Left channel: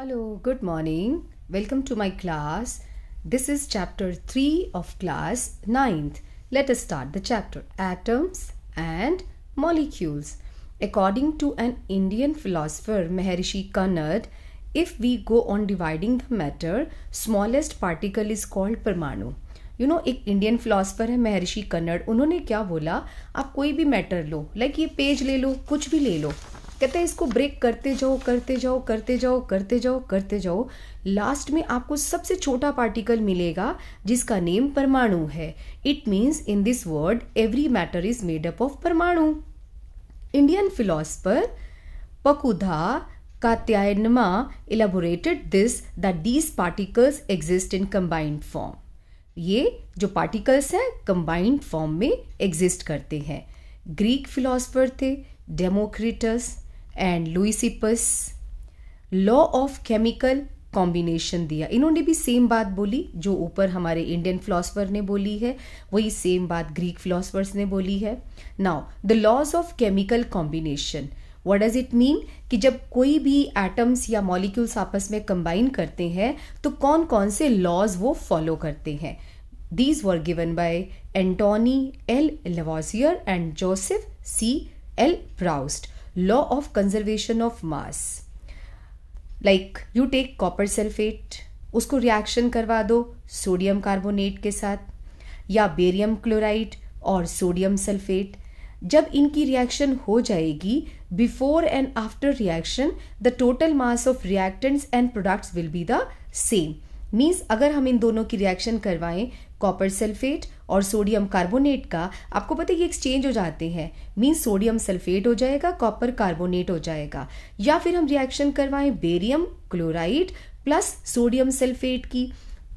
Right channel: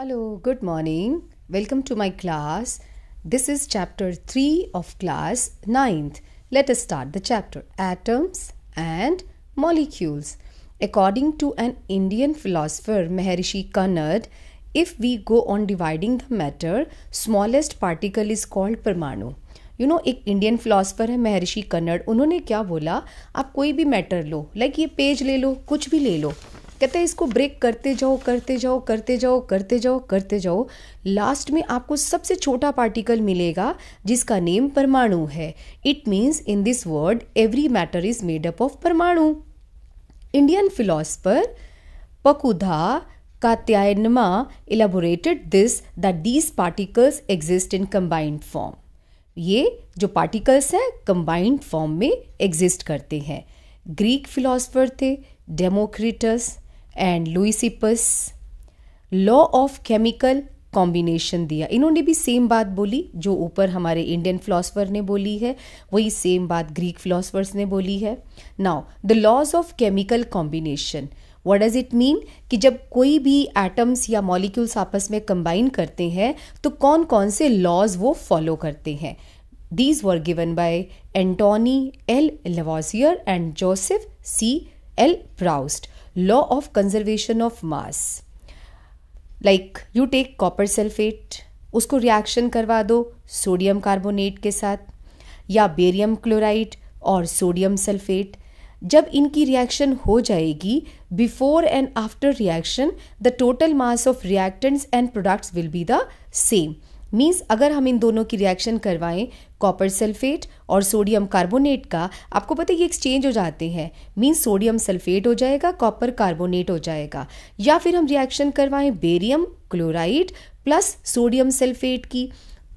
Hello, good morning. Welcome to my class. This is chapter 3 of class 9th. Let us start the chapter. Atoms and molecules. According to an Indian philosopher, Maharishi Kannad, if we go on dividing the matter, smallest particle is called परमाणु. एक Indian philosopher है महर्षि कन्नड़. उन्होंने क्या बोला, आप कोई भी matter लो, like ये पेज ले लो, कुछ भी ले लो, कहते हैं इसको ब्रेक करते जाओ करते जाओ करते जाओ करते जाओ करते जाओ, लास्ट में आपको सबसे छोटा पार्टिकल मिलेगा जिसका नेम परमाणु है. It means in this word every matter is made up of परमाणु. Indian philosopher Pakudha Katyayana elaborated this that these particles exist in combined form. ये जो पार्टिकल्स हैं कंबाइंड फॉर्म में एग्जिस्ट करते हैं. ग्रीक फिलोसफर थे Democritus and Leucippus. Law of chemical combination दिया. इन्होंने भी सेम बात बोली जो ऊपर हमारे इंडियन फिलोसफर ने बोली है, वही सेम बात ग्रीक फिलोसफर्स ने बोली है. Now the laws of chemical combination, what does it mean कि जब कोई भी एटम्स या मॉलिक्यूल्स आपस में कंबाइन करते हैं तो कौन कौन से लॉज वो फॉलो करते हैं. These were given by Antoine L Lavoisier and Joseph C L Proust. Law of conservation of mass, like you take copper sulphate, उसको रिएक्शन करवा दो सोडियम कार्बोनेट के साथ, या बेरियम क्लोराइड और सोडियम सल्फेट. जब इनकी रिएक्शन हो जाएगी, before and after reaction the total mass of reactants and products will be the same. Means अगर हम इन दोनों की रिएक्शन करवाएं, कॉपर सल्फेट और सोडियम कार्बोनेट का, आपको पता है ये एक्सचेंज हो जाते हैं. मीन्स सोडियम सल्फेट हो जाएगा, कॉपर कार्बोनेट हो जाएगा. या फिर हम रिएक्शन करवाएं barium chloride plus sodium sulphate की,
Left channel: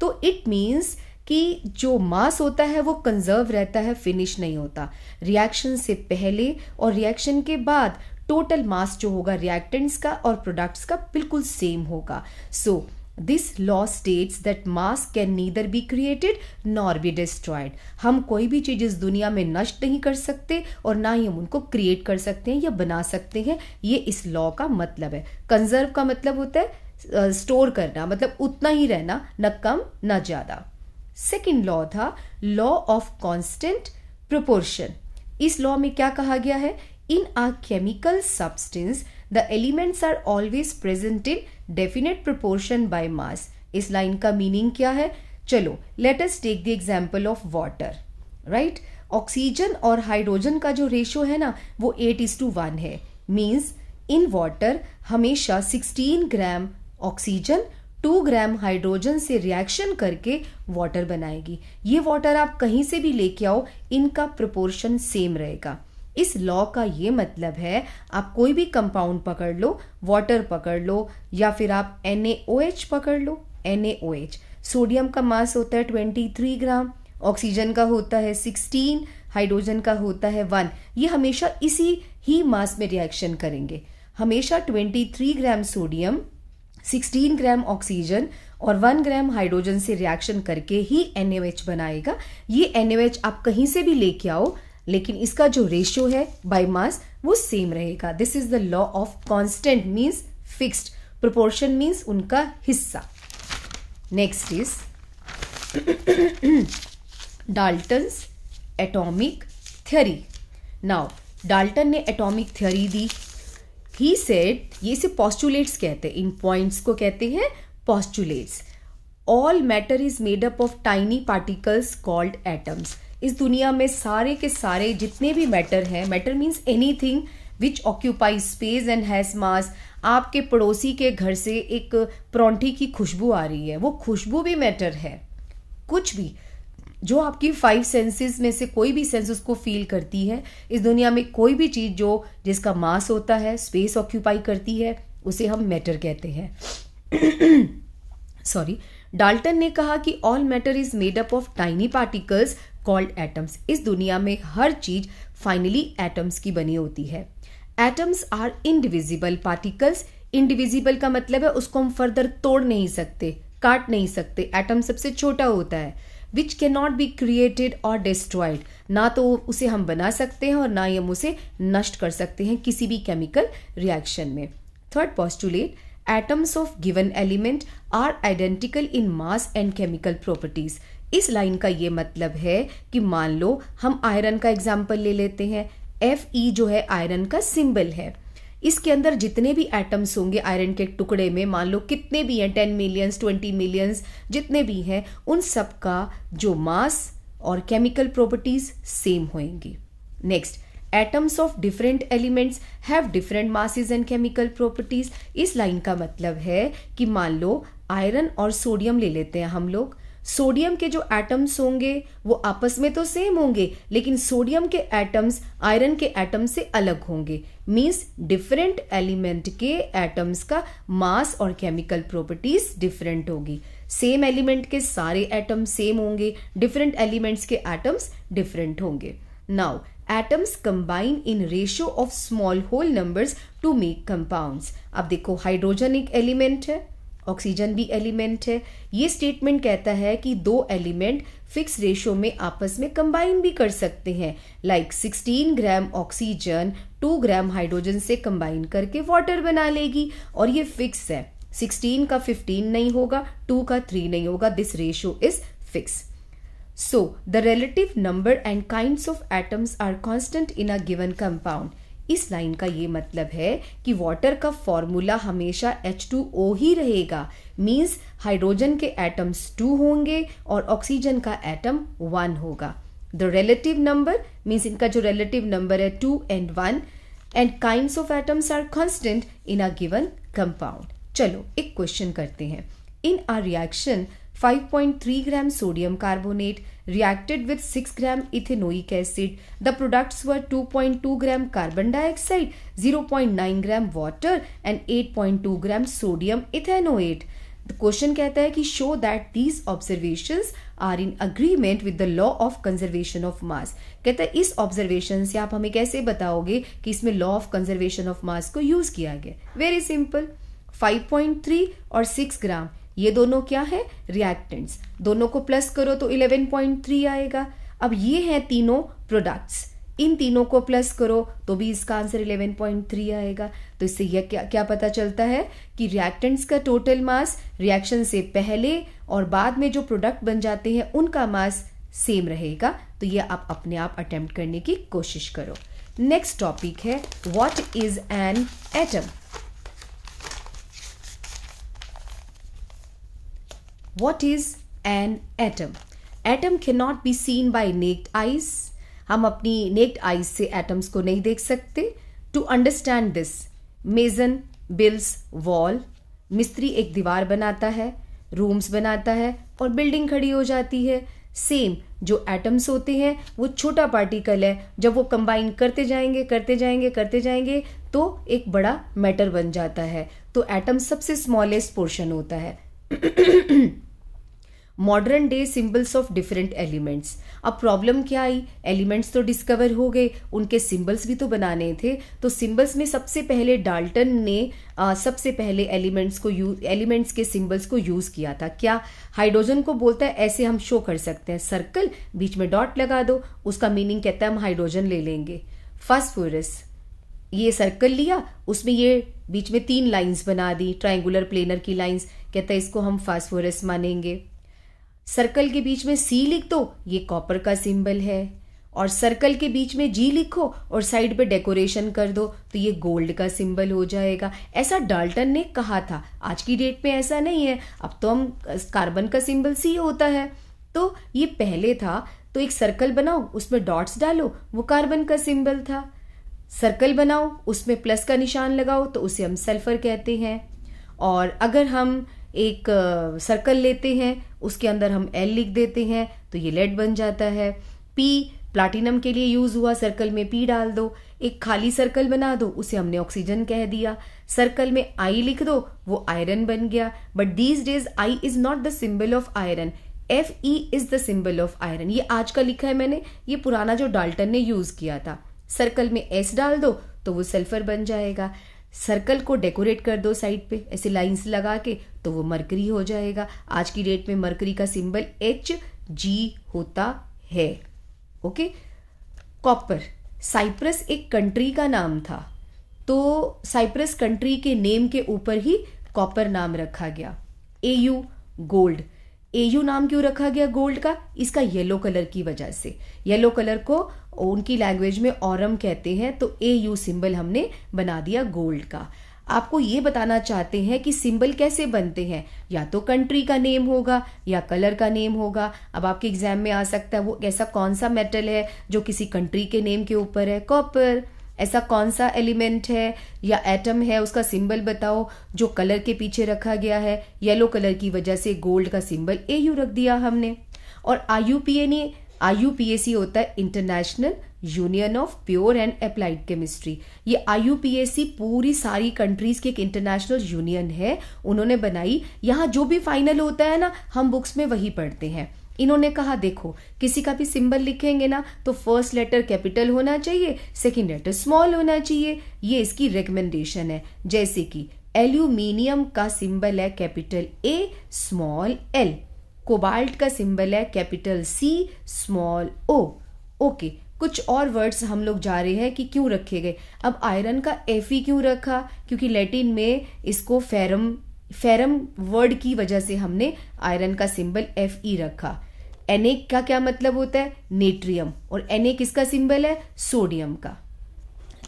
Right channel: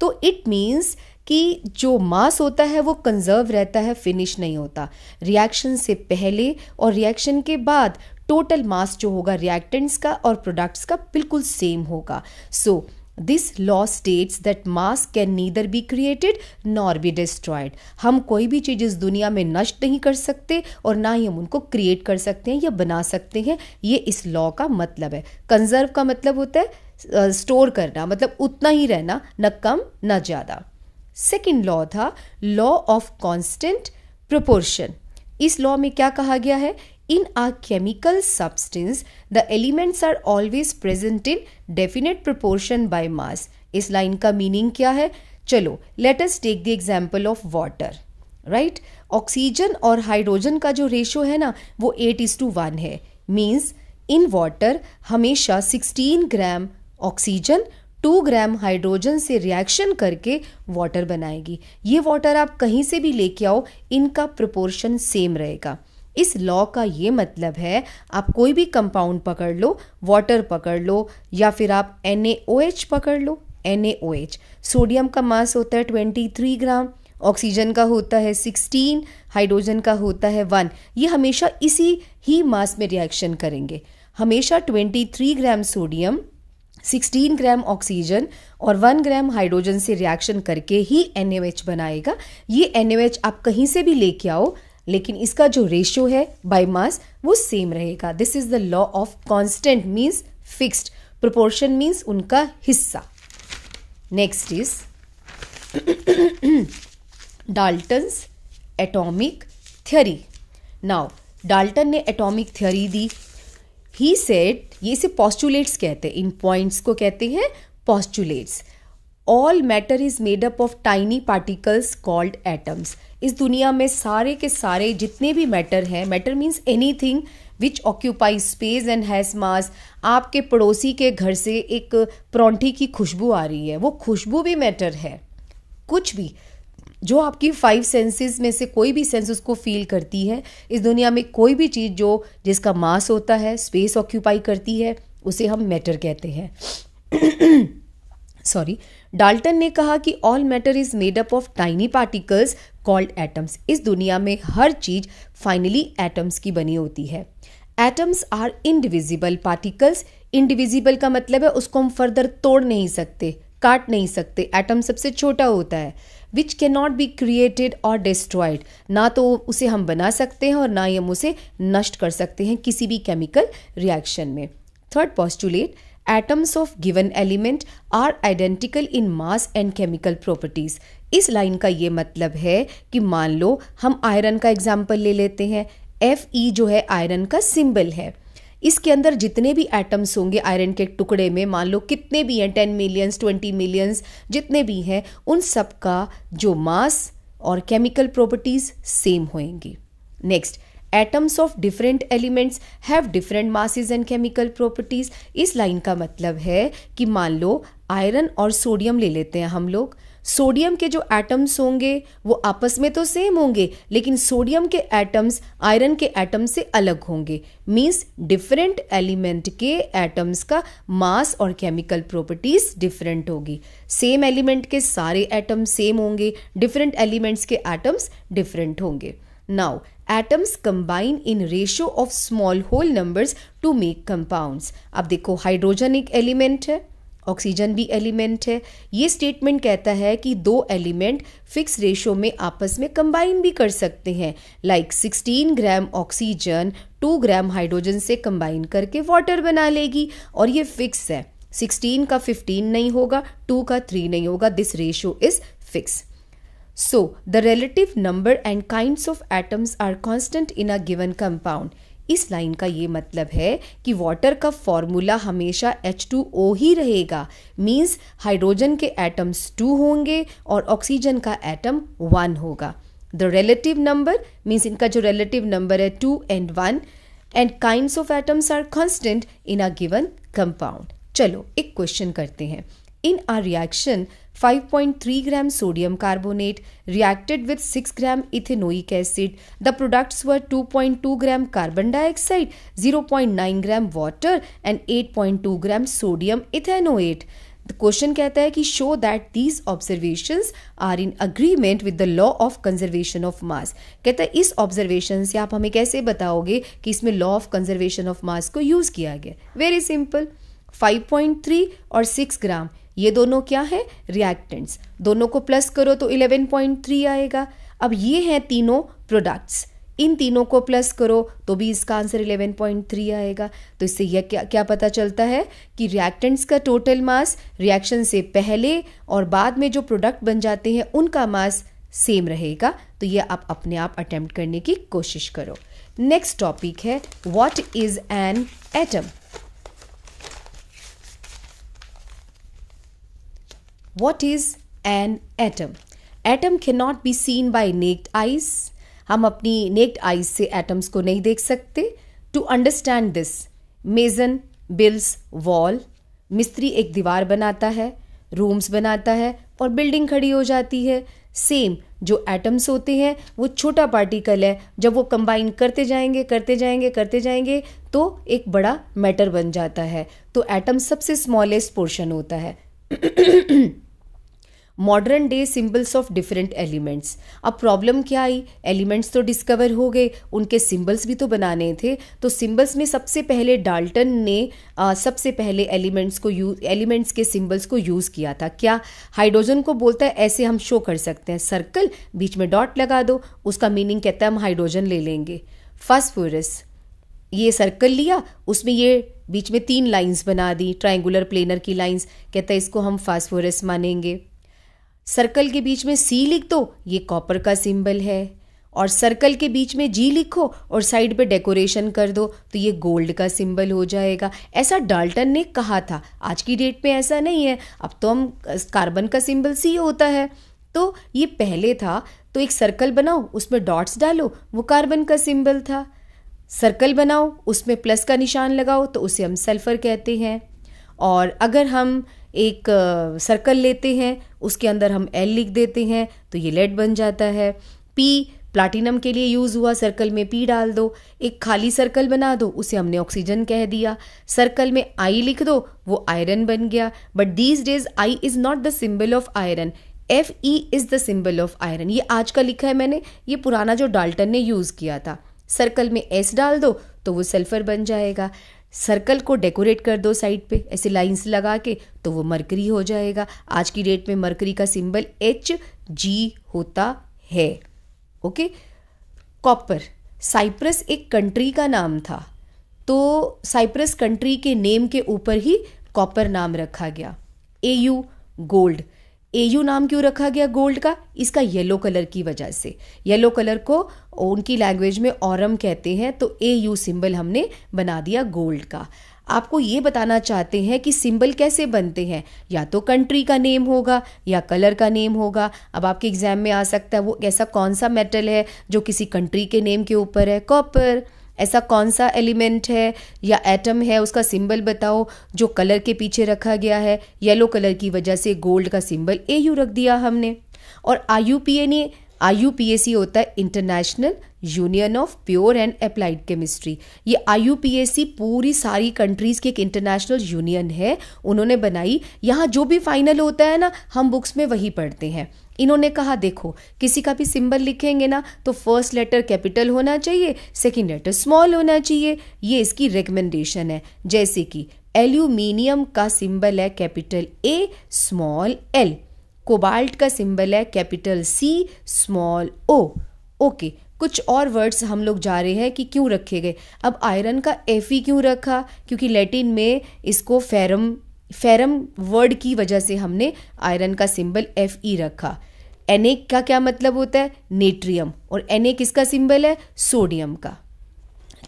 तो इट मीन्स कि जो मास होता है वो कंजर्व रहता है, फिनिश नहीं होता. रिएक्शन से पहले और रिएक्शन के बाद टोटल मास जो होगा रिएक्टेंट्स का और प्रोडक्ट्स का बिल्कुल सेम होगा. So this law states that mass can neither be created nor be destroyed. हम कोई भी चीज इस दुनिया में नष्ट नहीं कर सकते और ना ही हम उनको क्रिएट कर सकते हैं या बना सकते हैं. ये इस लॉ का मतलब है. कंजर्व का मतलब होता है स्टोर करना, मतलब उतना ही रहना, न कम न ज्यादा. सेकेंड लॉ था लॉ ऑफ कांस्टेंट प्रोपोर्शन. इस लॉ में क्या कहा गया है, in a chemical substance the elements are always present in definite proportion by mass. इस लाइन का मीनिंग क्या है, चलो let us take the example of water. Right, oxygen और हाइड्रोजन का जो रेशियो है ना वो 8:1 है. मीन्स इन वाटर हमेशा 16 ग्राम ऑक्सीजन 2 ग्राम हाइड्रोजन से रिएक्शन करके वाटर बनाएगी. ये वाटर आप कहीं से भी लेके आओ, इनका प्रोपोर्शन सेम रहेगा. इस लॉ का ये मतलब है, आप कोई भी कंपाउंड पकड़ लो, वाटर पकड़ लो या फिर आप NaOH पकड़ लो. NaOH, सोडियम का मास होता है 23 ग्राम, ऑक्सीजन का होता है 16, हाइड्रोजन का होता है 1. ये हमेशा इसी ही मास में रिएक्शन करेंगे. हमेशा 23 ग्राम सोडियम 16 ग्राम ऑक्सीजन और 1 ग्राम हाइड्रोजन से रिएक्शन करके ही NaOH बनाएगा. ये NaOH आप कहीं से भी लेके आओ, लेकिन इसका जो रेशियो है बाय मास वो सेम रहेगा. This is the law of constant, means fixed. Proportion means उनका हिस्सा. Next is Dalton's atomic theory. Now Dalton ने एटॉमिक थ्योरी दी. ही सेड, ये इसे पोस्टुलेट्स कहते हैं, इन पॉइंट्स को कहते हैं postulates. All matter is made up of tiny particles called atoms. इस दुनिया में सारे के सारे जितने भी मैटर हैं, matter means anything which occupy space and has मास. आपके पड़ोसी के घर से एक परौंठी की खुशबू आ रही है, वो खुशबू भी मैटर है. कुछ भी जो आपकी 5 सेंसेस में से कोई भी सेंस उसको फील करती है, इस दुनिया में कोई भी चीज जो जिसका मास होता है, स्पेस ऑक्यूपाई करती है, उसे हम मैटर कहते हैं. सॉरी, डाल्टन ने कहा कि all matter is made up of tiny particles called atoms. इस दुनिया में हर चीज फाइनली एटम्स की बनी होती है. Atoms are indivisible particles. Indivisible का मतलब है उसको हम फर्दर तोड़ नहीं सकते, काट नहीं सकते. एटम सबसे छोटा होता है. Which can not be created और डिस्ट्रॉयड. ना तो उसे हम बना सकते हैं और ना ही हम उसे नष्ट कर सकते हैं किसी भी केमिकल रिएक्शन में. Third postulate, atoms of given element are identical in mass and chemical properties. इस लाइन का ये मतलब है कि मान लो हम आयरन का एग्जाम्पल ले लेते हैं। Fe जो है आयरन का सिंबल है। इसके अंदर जितने भी एटम्स होंगे आयरन के टुकड़े में, मान लो कितने भी हैं, 10 मिलियंस 20 मिलियंस जितने भी हैं, उन सब का जो मास और केमिकल प्रॉपर्टीज सेम होंगी। Next, atoms of different elements have different masses and chemical properties. इस लाइन का मतलब है कि मान लो आयरन और सोडियम ले लेते हैं हम लोग। सोडियम के जो एटम्स होंगे वो आपस में तो सेम होंगे, लेकिन सोडियम के एटम्स आयरन के एटम से अलग होंगे। मींस डिफरेंट एलिमेंट के एटम्स का मास और केमिकल प्रॉपर्टीज डिफरेंट होगी। सेम एलिमेंट के सारे एटम सेम होंगे, डिफरेंट एलिमेंट्स के एटम्स डिफरेंट होंगे। Now atoms combine in ratio of small whole numbers to make compounds. अब देखो, हाइड्रोजन एक एलिमेंट है, ऑक्सीजन भी एलिमेंट है। ये स्टेटमेंट कहता है कि दो एलिमेंट फिक्स रेशियो में आपस में कंबाइन भी कर सकते हैं। Like 16 gram oxygen 2 gram hydrogen से कंबाइन करके वाटर बना लेगी, और ये फिक्स है। 16 का 15 नहीं होगा, 2 का 3 नहीं होगा। This ratio is fix. So, the relative number and kinds of atoms are constant in a given compound. इस लाइन का ये मतलब है कि वाटर का फॉर्मूला हमेशा H2O ही रहेगा। मीन्स हाइड्रोजन के एटम्स 2 होंगे और ऑक्सीजन का एटम 1 होगा। द रिलेटिव नंबर मीन्स इनका जो रिलेटिव नंबर है 2 and 1 and kinds of atoms are constant in a given compound. चलो एक क्वेश्चन करते हैं। In a reaction, 5.3 gram sodium carbonate reacted with 6 gram ethanoic acid. The products were 2.2 gram carbon dioxide, 0.9 gram water and 8.2 gram sodium ethanoate. The question कहता है कि show that these observations are in agreement with the law of conservation of mass. कहता है इस observation से आप हमें कैसे बताओगे कि इसमें law of conservation of mass को use किया गया। Very simple. 5.3 और 6 ग्राम ये दोनों क्या है, रिएक्टेंट्स। दोनों को प्लस करो तो 11.3 आएगा। अब ये हैं तीनों प्रोडक्ट्स, इन तीनों को प्लस करो तो भी इसका आंसर 11.3 आएगा। तो इससे यह क्या पता चलता है कि रिएक्टेंट्स का टोटल मास रिएक्शन से पहले और बाद में जो प्रोडक्ट बन जाते हैं उनका मास सेम रहेगा। तो ये आप अपने आप अटेम्प्ट करने की कोशिश करो। नेक्स्ट टॉपिक है what is an atom. What is an atom? Atom cannot be seen by naked eyes. हम अपनी naked eyes से atoms को नहीं देख सकते। To understand this, mason builds wall. मिस्त्री एक दीवार बनाता है, रूम्स बनाता है और बिल्डिंग खड़ी हो जाती है। सेम जो एटम्स होते हैं वो छोटा पार्टिकल है, जब वो कंबाइन करते जाएंगे तो एक बड़ा मैटर बन जाता है। तो एटम सबसे स्मॉलेस्ट पोर्शन होता है। Modern day symbols of different elements. अब प्रॉब्लम क्या आई, एलिमेंट्स तो डिस्कवर हो गए, उनके सिंबल्स भी तो बनाने थे। तो सिंबल्स में सबसे पहले डाल्टन ने सबसे पहले एलिमेंट्स के सिंबल्स को यूज किया था। क्या, हाइड्रोजन को बोलता है ऐसे हम शो कर सकते हैं, सर्कल बीच में डॉट लगा दो, उसका मीनिंग कहता है हम हाइड्रोजन ले लेंगे। फास्फोरस, ये सर्कल लिया, उसमें ये बीच में 3 लाइंस बना दी, ट्रायंगुलर प्लेनर की लाइंस, कहता है इसको हम फास्फोरस मानेंगे। सर्कल के बीच में C लिख दो, ये कॉपर का सिंबल है। और सर्कल के बीच में G लिखो और साइड पे डेकोरेशन कर दो तो ये गोल्ड का सिंबल हो जाएगा। ऐसा डाल्टन ने कहा था। आज की डेट पे ऐसा नहीं है, अब तो हम कार्बन का सिंबल C होता है। तो ये पहले था, तो एक सर्कल बनाओ, उसमें डॉट्स डालो, वो कार्बन का सिंबल था। सर्कल बनाओ, उसमें प्लस का निशान लगाओ तो उसे हम सल्फर कहते हैं। और अगर हम एक सर्कल लेते हैं, उसके अंदर हम L लिख देते हैं तो ये लेड बन जाता है। P प्लाटिनम के लिए यूज हुआ, सर्कल में P डाल दो। एक खाली सर्कल बना दो, उसे हमने ऑक्सीजन कह दिया। सर्कल में I लिख दो, वो आयरन बन गया। But these days I is not the symbol of iron, Fe is the symbol of iron. ये आज का लिखा है मैंने, ये पुराना जो डाल्टन ने यूज किया था। सर्कल में S डाल दो तो वो सल्फर बन जाएगा। सर्कल को डेकोरेट कर दो साइड पे ऐसे लाइंस लगा के तो वो मरकरी हो जाएगा। आज की डेट में मरकरी का सिंबल Hg होता है। ओके। कॉपर, साइप्रस एक कंट्री का नाम था, तो साइप्रस कंट्री के नेम के ऊपर ही कॉपर नाम रखा गया। Au gold. Au नाम क्यों रखा गया गोल्ड का? इसका येलो कलर की वजह से। येलो कलर को उनकी लैंग्वेज में ऑरम कहते हैं, तो Au सिंबल हमने बना दिया गोल्ड का। आपको ये बताना चाहते हैं कि सिंबल कैसे बनते हैं, या तो कंट्री का नेम होगा या कलर का नेम होगा। अब आपके एग्जाम में आ सकता है वो ऐसा कौन सा मेटल है जो किसी कंट्री के नेम के ऊपर है, कॉपर। ऐसा कौन सा एलिमेंट है या एटम है, उसका सिंबल बताओ जो कलर के पीछे रखा गया है। येलो कलर की वजह से गोल्ड का सिंबल Au रख दिया हमने। और IUPAC होता है international union of pure and applied chemistry. ये IUPAC पूरी सारी कंट्रीज की एक इंटरनेशनल यूनियन है, उन्होंने बनाई। यहाँ जो भी फाइनल होता है ना, हम बुक्स में वही पढ़ते हैं। इन्होंने कहा देखो किसी का भी सिंबल लिखेंगे ना तो फर्स्ट लेटर कैपिटल होना चाहिए, सेकंड लेटर स्मॉल होना चाहिए। ये इसकी रिकमेंडेशन है। जैसे कि एल्यूमिनियम का सिंबल है capital A small l, cobalt का सिंबल है capital C small o। Okay, कुछ और वर्ड्स हम लोग जा रहे हैं कि क्यों रखे गए। अब आयरन का Fe क्यों रखा? क्योंकि लैटिन में इसको फेरम वर्ड की वजह से हमने आयरन का सिंबल Fe रखा। Na का क्या मतलब होता है? नेट्रियम। और Na किसका सिंबल है? सोडियम का।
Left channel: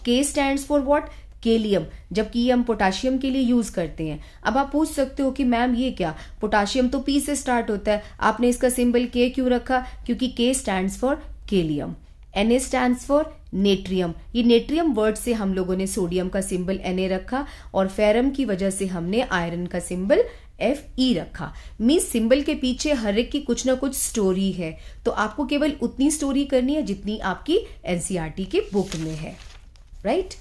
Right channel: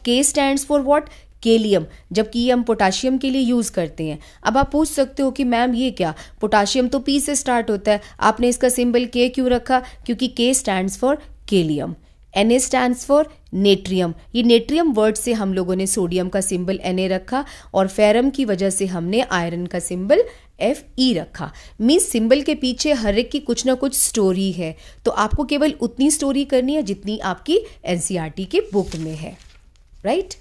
K stands for what? Kalium, जबकि ये हम पोटाशियम के लिए यूज करते हैं। अब आप पूछ सकते हो कि मैम ये क्या, पोटाशियम तो P से स्टार्ट होता है, आपने इसका सिंबल K क्यों रखा? क्योंकि K stands for kalium. Na stands for natrium. ये नेट्रियम वर्ड से हम लोगों ने सोडियम का सिंबल Na रखा, और फेरम की वजह से हमने आयरन का सिंबल Fe रखा। मींस सिंबल के पीछे हर एक की कुछ ना कुछ स्टोरी है, तो आपको केवल उतनी स्टोरी करनी है जितनी आपकी NCERT के बुक में है, राइट?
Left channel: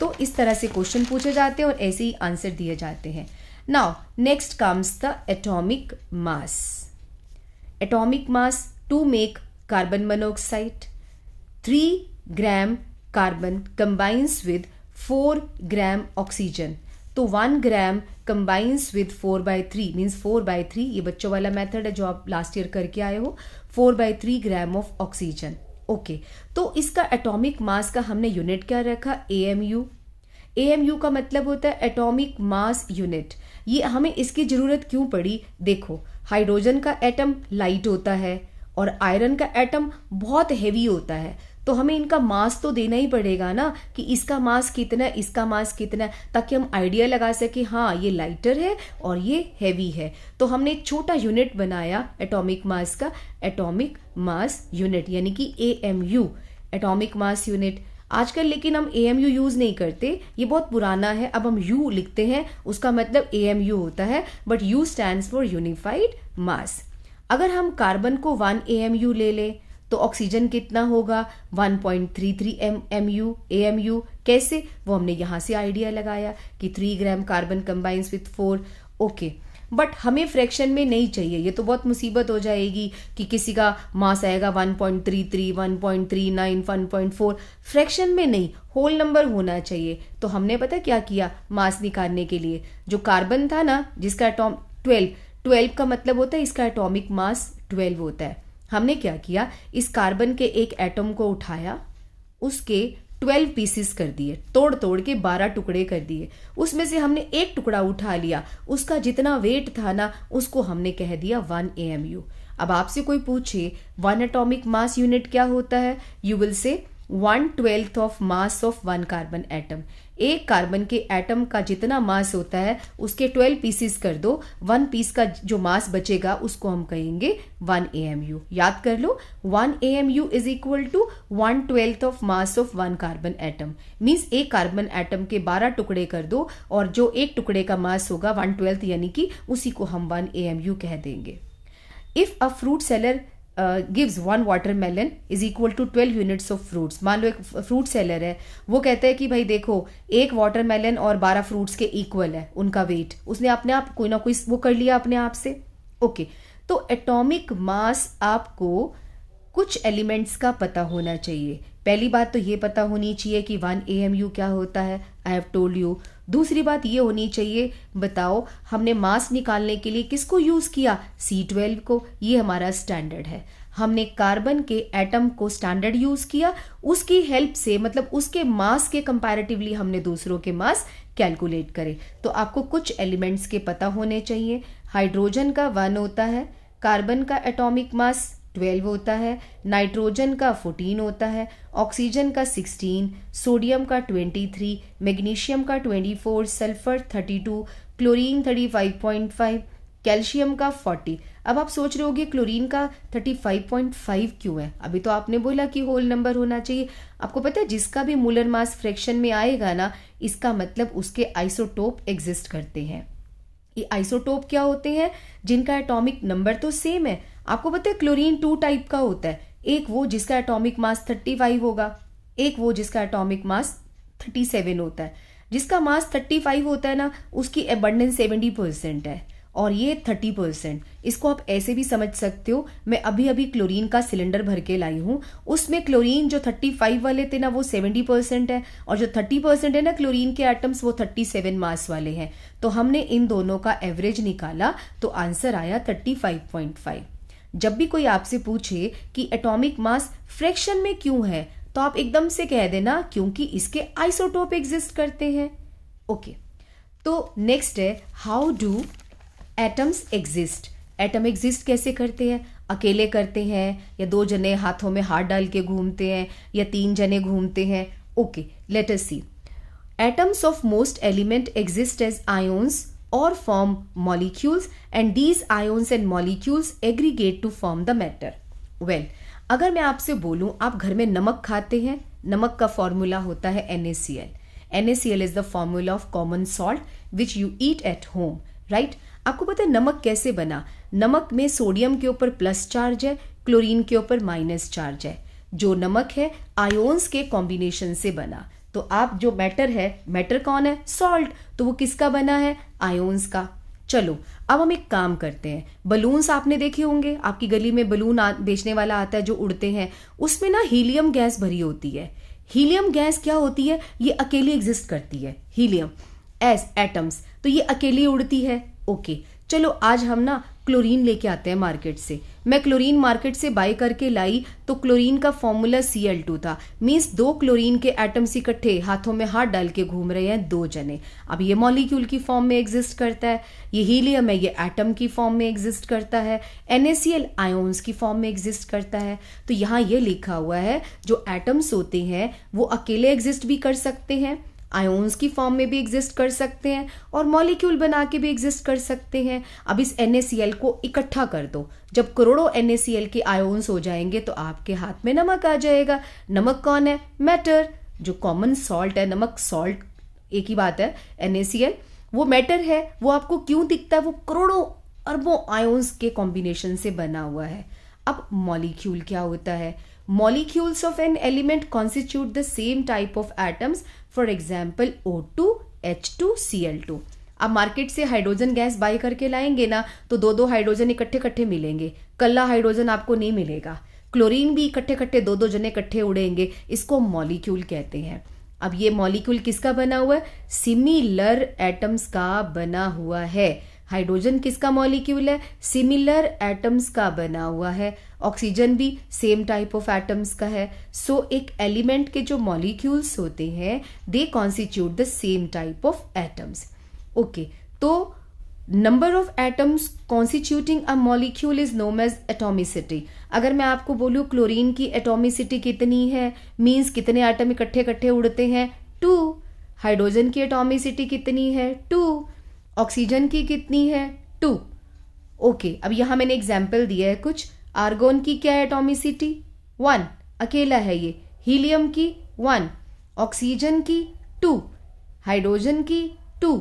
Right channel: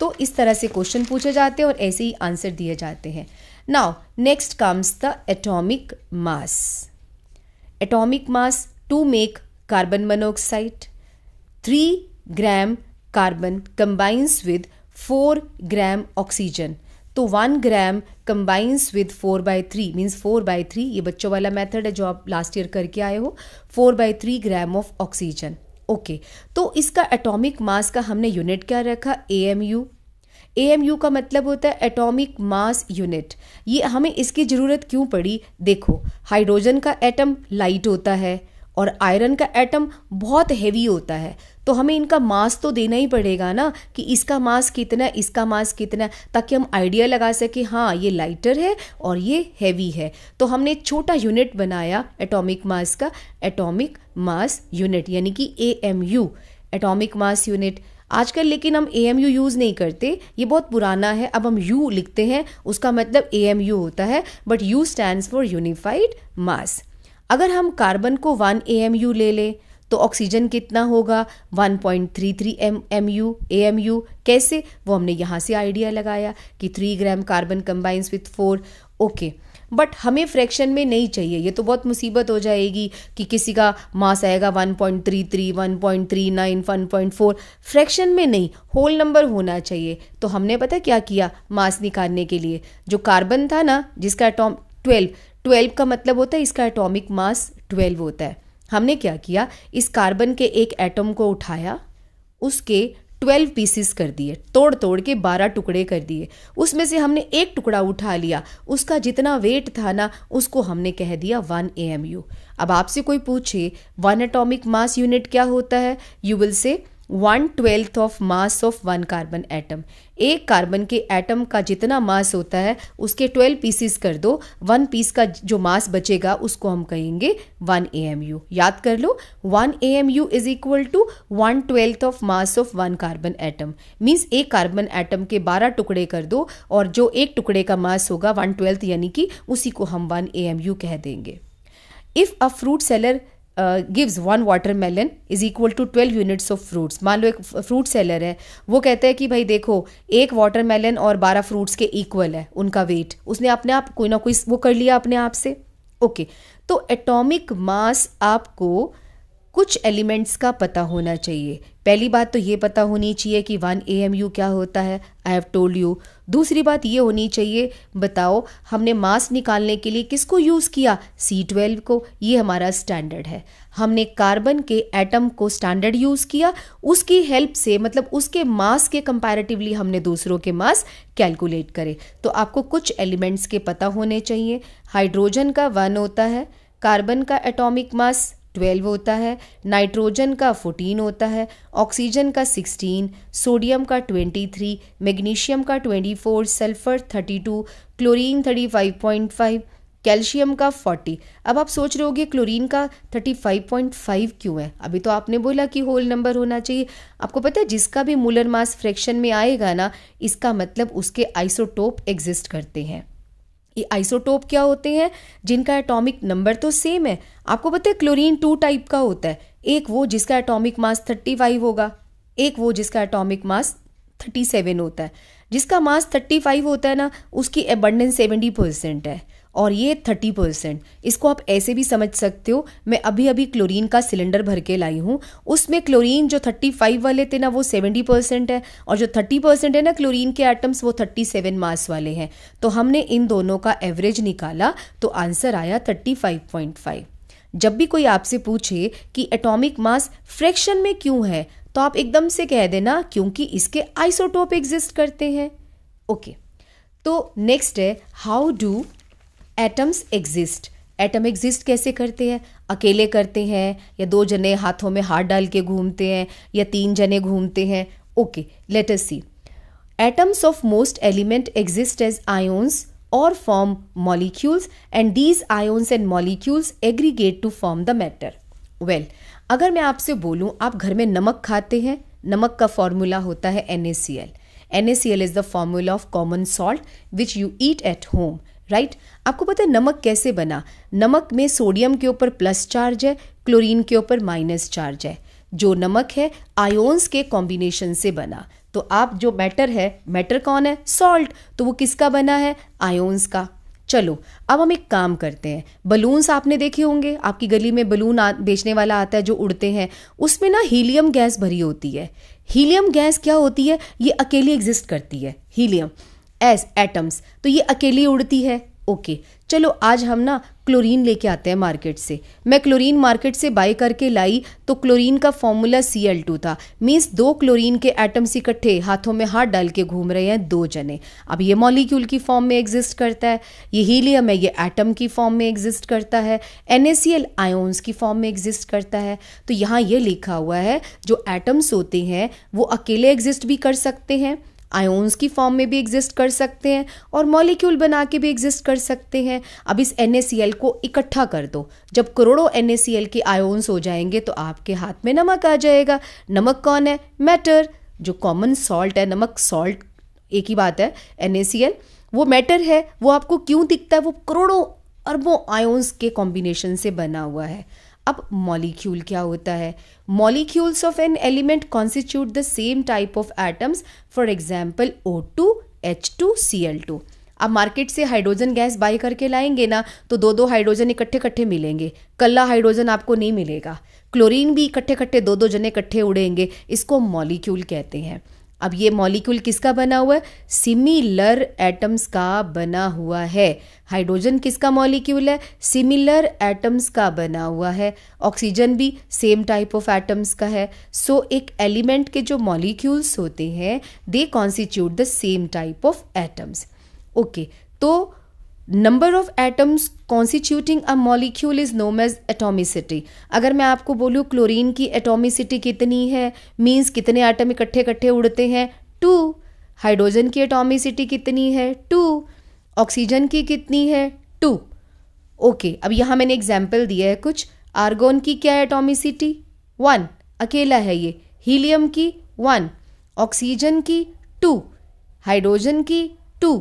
तो इस तरह से क्वेश्चन पूछे जाते हैं और ऐसे ही आंसर दिए जाते हैं। Now next comes the atomic mass. Atomic mass to make carbon monoxide, 3 gram carbon combines with 4 gram oxygen. तो 1 ग्राम combines with 4/3 मीन्स 4/3, ये बच्चों वाला मेथड है जो आप लास्ट ईयर करके आए हो, 4/3 ग्राम ऑफ ऑक्सीजन। ओके, तो इसका एटॉमिक मास का हमने यूनिट क्या रखा? AMU। AMU का मतलब होता है एटॉमिक मास यूनिट। ये हमें इसकी जरूरत क्यों पड़ी? देखो, हाइड्रोजन का एटम लाइट होता है और आयरन का एटम बहुत हेवी होता है, तो हमें इनका मास तो देना ही पड़ेगा ना कि इसका मास कितना, इसका मास कितना, ताकि हम आइडिया लगा सके हाँ ये लाइटर है और ये हैवी है। तो हमने एक छोटा यूनिट बनाया एटॉमिक मास का, एटॉमिक मास यूनिट, यानी कि AMU, एटॉमिक मास यूनिट। आजकल लेकिन हम AMU यूज नहीं करते, ये बहुत पुराना है। अब हम U लिखते हैं, उसका मतलब AMU होता है, but U stands for unified mass. अगर हम कार्बन को 1 AMU ले लें तो ऑक्सीजन कितना होगा? 1.33 AMU। कैसे? वो हमने यहाँ से आइडिया लगाया कि 3 gram carbon combines with 4। Okay, but हमें फ्रैक्शन में नहीं चाहिए, ये तो बहुत मुसीबत हो जाएगी कि किसी का मास आएगा 1.33, 1.39, 1.4, फ्रैक्शन में नहीं, होल नंबर होना चाहिए। तो हमने पता क्या किया मास निकालने के लिए? जो कार्बन था ना जिसका एटॉम 12 का मतलब होता है इसका एटॉमिक मास 12 होता है। हमने क्या किया, इस कार्बन के एक एटम को उठाया, उसके 12 पीसेस कर दिए, तोड़ के 12 टुकड़े कर दिए। उसमें से हमने एक टुकड़ा उठा लिया, उसका जितना वेट था ना उसको हमने कह दिया 1 AMU। अब आपसे कोई पूछे 1 एटॉमिक मास यूनिट क्या होता है, you will say 1/12 of mass of 1 carbon atom. एक कार्बन के एटम का जितना मास होता है उसके 12 पीसेस कर दो, 1 पीस का जो मास बचेगा उसको हम कहेंगे 1 AMU। याद कर लो, 1 AMU is equal to 1/12 of mass of 1 carbon atom. Means एक कार्बन एटम के 12 टुकड़े कर दो और जो एक टुकड़े का मास होगा 1/12, यानी कि उसी को हम 1 AMU कह देंगे। If a fruit seller gives 1 watermelon is equal to 12 units of fruits। मान लो एक फ्रूट सेलर है, वो कहता है कि भाई देखो एक वाटरमेलन और 12 फ्रूट्स के इक्वल है उनका वेट, उसने अपने आप कोई ना कोई वो कर लिया अपने आप से। ओके, तो एटॉमिक मास आपको कुछ एलिमेंट्स का पता होना चाहिए। पहली बात तो ये पता होनी चाहिए कि 1 AMU क्या होता है, आई हैव टोल्ड यू। दूसरी बात ये होनी चाहिए, बताओ हमने मास निकालने के लिए किसको यूज किया, C12 को, ये हमारा स्टैंडर्ड है। हमने कार्बन के एटम को स्टैंडर्ड यूज किया, उसकी हेल्प से मतलब उसके मास के कंपैरेटिवली हमने दूसरों के मास कैलकुलेट करे। तो आपको कुछ एलिमेंट्स के पता होने चाहिए। हाइड्रोजन का 1 होता है, कार्बन का एटॉमिक मास 12 होता है, नाइट्रोजन का 14 होता है, ऑक्सीजन का 16, सोडियम का 23, मैग्नीशियम का 24, सल्फर 32, क्लोरीन 35.5, कैल्शियम का 40। अब आप सोच रहे होगे क्लोरीन का 35.5 क्यों है? अभी तो आपने बोला कि होल नंबर होना चाहिए। आपको पता है जिसका भी मोलर मास फ्रैक्शन में आएगा ना, इसका मतलब उसके आइसोटोप एग्जिस्ट करते हैं। ये आइसोटोप क्या होते हैं? जिनका एटॉमिक नंबर तो सेम है। आपको पता है क्लोरीन 2 टाइप का होता है, एक वो जिसका एटॉमिक मास 35 होगा, एक वो जिसका एटॉमिक मास 37 होता है। जिसका मास 35 होता है ना, उसकी एबंडेंस 70% है और ये 30%। इसको आप ऐसे भी समझ सकते हो, मैं अभी अभी क्लोरीन का सिलेंडर भर के लाई हूँ, उसमें क्लोरीन जो 35 वाले थे ना वो 70% है, और जो 30% है ना क्लोरीन के एटम्स वो 37 मास वाले हैं। तो हमने इन दोनों का एवरेज निकाला तो आंसर आया 35.5। जब भी कोई आपसे पूछे कि एटॉमिक मास फ्रैक्शन में क्यों है, तो आप एकदम से कह देना क्योंकि इसके आइसोटोप एग्जिस्ट करते हैं। ओके, तो नेक्स्ट है how do atoms exist. Atom exist कैसे करते हैं? अकेले करते हैं, या 2 जने हाथों में हाथ डाल के घूमते हैं, या 3 जने घूमते हैं? Okay, let us see. Atoms of most element exist as ions or form molecules and these ions and molecules aggregate to form the matter. Well, अगर मैं आपसे बोलूं आप घर में नमक खाते हैं, नमक का फॉर्मूला होता है NaCl. NaCl is the formula of common salt which you eat at home, right? आपको पता है नमक कैसे बना? नमक में सोडियम के ऊपर प्लस चार्ज है, क्लोरीन के ऊपर माइनस चार्ज है। जो नमक है आयोन्स के कॉम्बिनेशन से बना। तो आप जो मैटर है, मैटर कौन है? सॉल्ट। तो वो किसका बना है? आयोन्स का। चलो अब हम एक काम करते हैं। बलून्स आपने देखे होंगे, आपकी गली में बलून बेचने वाला आता है जो उड़ते हैं, उसमें ना हीलियम गैस भरी होती है। हीलियम गैस क्या होती है? ये अकेली एग्जिस्ट करती है, हीलियम एस एटम्स, तो ये अकेली उड़ती है। ओके, चलो आज हम ना क्लोरीन लेके आते हैं मार्केट से। मैं क्लोरीन मार्केट से बाय करके लाई तो क्लोरीन का फॉर्मूला Cl2 था, मीन्स 2 क्लोरीन के एटम्स इकट्ठे हाथों में हाथ डाल के घूम रहे हैं 2 जने। अब ये मॉलिक्यूल की फॉर्म में एग्जिस्ट करता है, ये हीलियम है ये एटम की फॉर्म में एग्जिस्ट करता है, NaCl आयोन्स की फॉर्म में एग्जिस्ट करता है। तो यहाँ ये लिखा हुआ है जो एटम्स होते हैं वो अकेले एग्जिस्ट भी कर सकते हैं, आयोन्स की फॉर्म में भी एग्जिस्ट कर सकते हैं, और मॉलिक्यूल बना के भी एग्जिस्ट कर सकते हैं। अब इस NaCl को इकट्ठा कर दो, जब करोड़ों NaCl के आयोन्स हो जाएंगे तो आपके हाथ में नमक आ जाएगा। नमक कौन है? मैटर। जो कॉमन सॉल्ट है, नमक सॉल्ट एक ही बात है, NaCl वो मैटर है। वो आपको क्यों दिखता है? वो करोड़ों अरबों आयोन्स के कॉम्बिनेशन से बना हुआ है। अब मॉलिक्यूल क्या होता है? Molecules of an element constitute the same type of atoms, for example O2, H2, Cl2. अब मार्केट से हाइड्रोजन गैस बाय करके लाएंगे ना तो 2-2 हाइड्रोजन इकट्ठे मिलेंगे, कल्ला हाइड्रोजन आपको नहीं मिलेगा। क्लोरीन भी इकट्ठे 2-2 जने इकट्ठे उड़ेंगे, इसको मॉलिक्यूल कहते हैं। अब ये मॉलिक्यूल किसका बना हुआ है? सिमिलर एटम्स का बना हुआ है। हाइड्रोजन किसका मॉलिक्यूल है? सिमिलर एटम्स का बना हुआ है। ऑक्सीजन भी सेम टाइप ऑफ एटम्स का है। सो एक एलिमेंट के जो मॉलिक्यूल्स होते हैं they constitute the same type of atoms. Okay, तो number of atoms constituting a molecule is known as atomicity. अगर मैं आपको बोलूँ क्लोरीन की एटॉमिसिटी कितनी है, मीन्स कितने एटम इकट्ठे उड़ते हैं? 2। हाइड्रोजन की एटॉमिसिटी कितनी है? 2। ऑक्सीजन की कितनी है? 2। ओके, अब यहां मैंने एग्जाम्पल दिया है कुछ। आर्गोन की क्या है एटॉमिसिटी? 1, अकेला है ये। हीलियम की 1, ऑक्सीजन की 2, हाइड्रोजन की 2,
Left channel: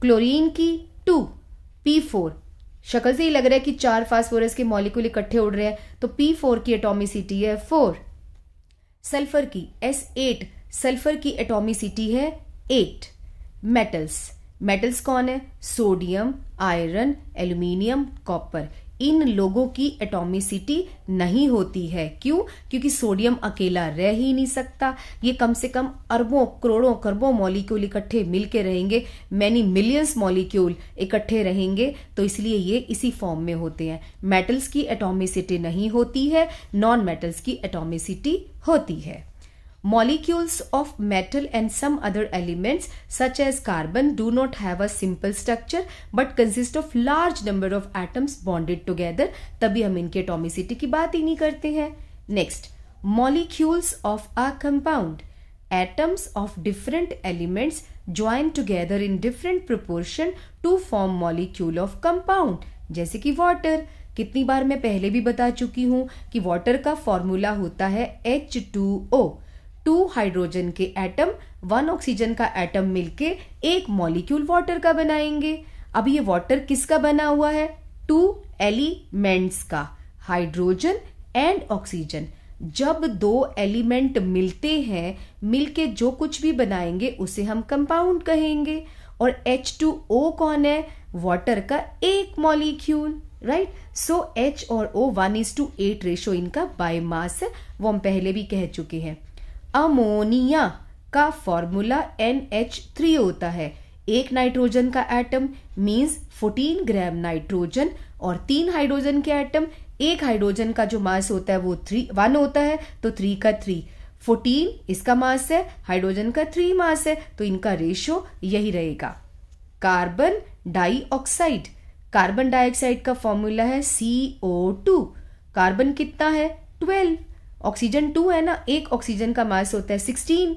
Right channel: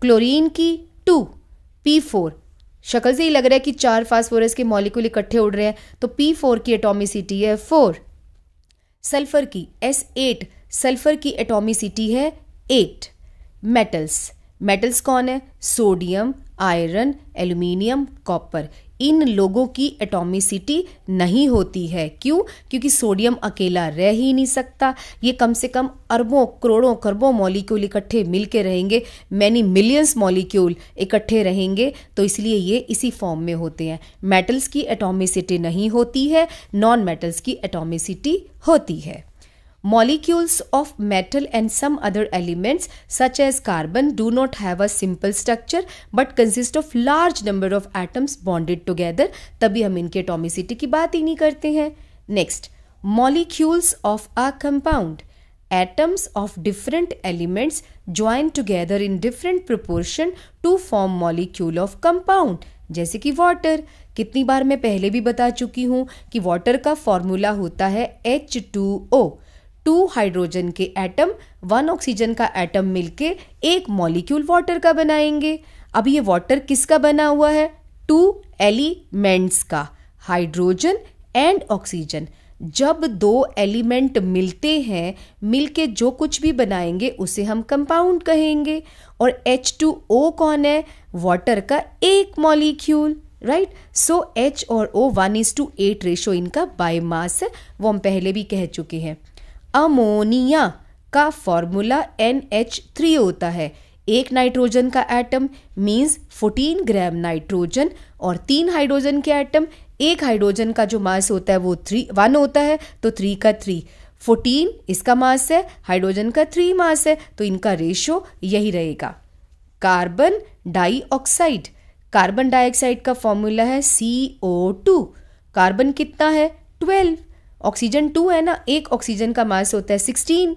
क्लोरीन की 2, P4। शक्ल से ही लग रहा है कि 4 फास्फोरस के मॉलिक्यूल इकट्ठे उड़ रहे हैं, तो P4 की एटॉमिसिटी है 4। सल्फर की S8, सल्फर की एटॉमिसिटी है 8। मेटल्स कौन है? Sodium, iron, aluminium, copper. इन लोगों की एटॉमिसिटी नहीं होती है। क्यों? क्योंकि सोडियम अकेला रह ही नहीं सकता, ये कम से कम अरबों करोड़ों खरबों मॉलिक्यूल इकट्ठे मिलके रहेंगे, मैनी मिलियंस मॉलिक्यूल इकट्ठे रहेंगे, तो इसलिए ये इसी फॉर्म में होते हैं। मेटल्स की एटॉमिसिटी नहीं होती है, नॉन मेटल्स की एटॉमिसिटी होती है। Molecules of metal and some other elements such as carbon do not have a simple structure but consist of large number of atoms bonded together। तभी हम इनके एटॉमिसिटी की बात ही नहीं करते हैं। Next, molecules of a compound, atoms of different elements join together in different proportion to form molecule of compound। जैसे कि वाटर, कितनी बार मैं पहले भी बता चुकी हूँ कि वाटर का फॉर्मूला होता है H2O। 2 हाइड्रोजन के एटम 1 ऑक्सीजन का एटम मिलके एक मॉलिक्यूल वाटर का बनाएंगे। अब ये वाटर किसका बना हुआ है? 2 एलिमेंट्स का, हाइड्रोजन एंड ऑक्सीजन। जब 2 एलिमेंट मिलते हैं, मिलके जो कुछ भी बनाएंगे उसे हम कंपाउंड कहेंगे। और H2O कौन है? वाटर का एक मॉलिक्यूल, राइट। सो H और O 1:8 रेशो इनका बाय मास है, वो हम पहले भी कह चुके हैं। अमोनिया का फॉर्मूला NH3 होता है। एक नाइट्रोजन का एटम मीन्स 14 ग्राम नाइट्रोजन, और 3 हाइड्रोजन के एटम, एक हाइड्रोजन का जो मास होता है वो 1 होता है, तो 3 का 3, 14 इसका मास है, हाइड्रोजन का 3 मास है, तो इनका रेशो यही रहेगा। कार्बन डाइऑक्साइड, कार्बन डाइऑक्साइड का फॉर्मूला है CO2। कार्बन कितना है? 12, ऑक्सीजन 2 है ना, एक ऑक्सीजन का मास होता है 16,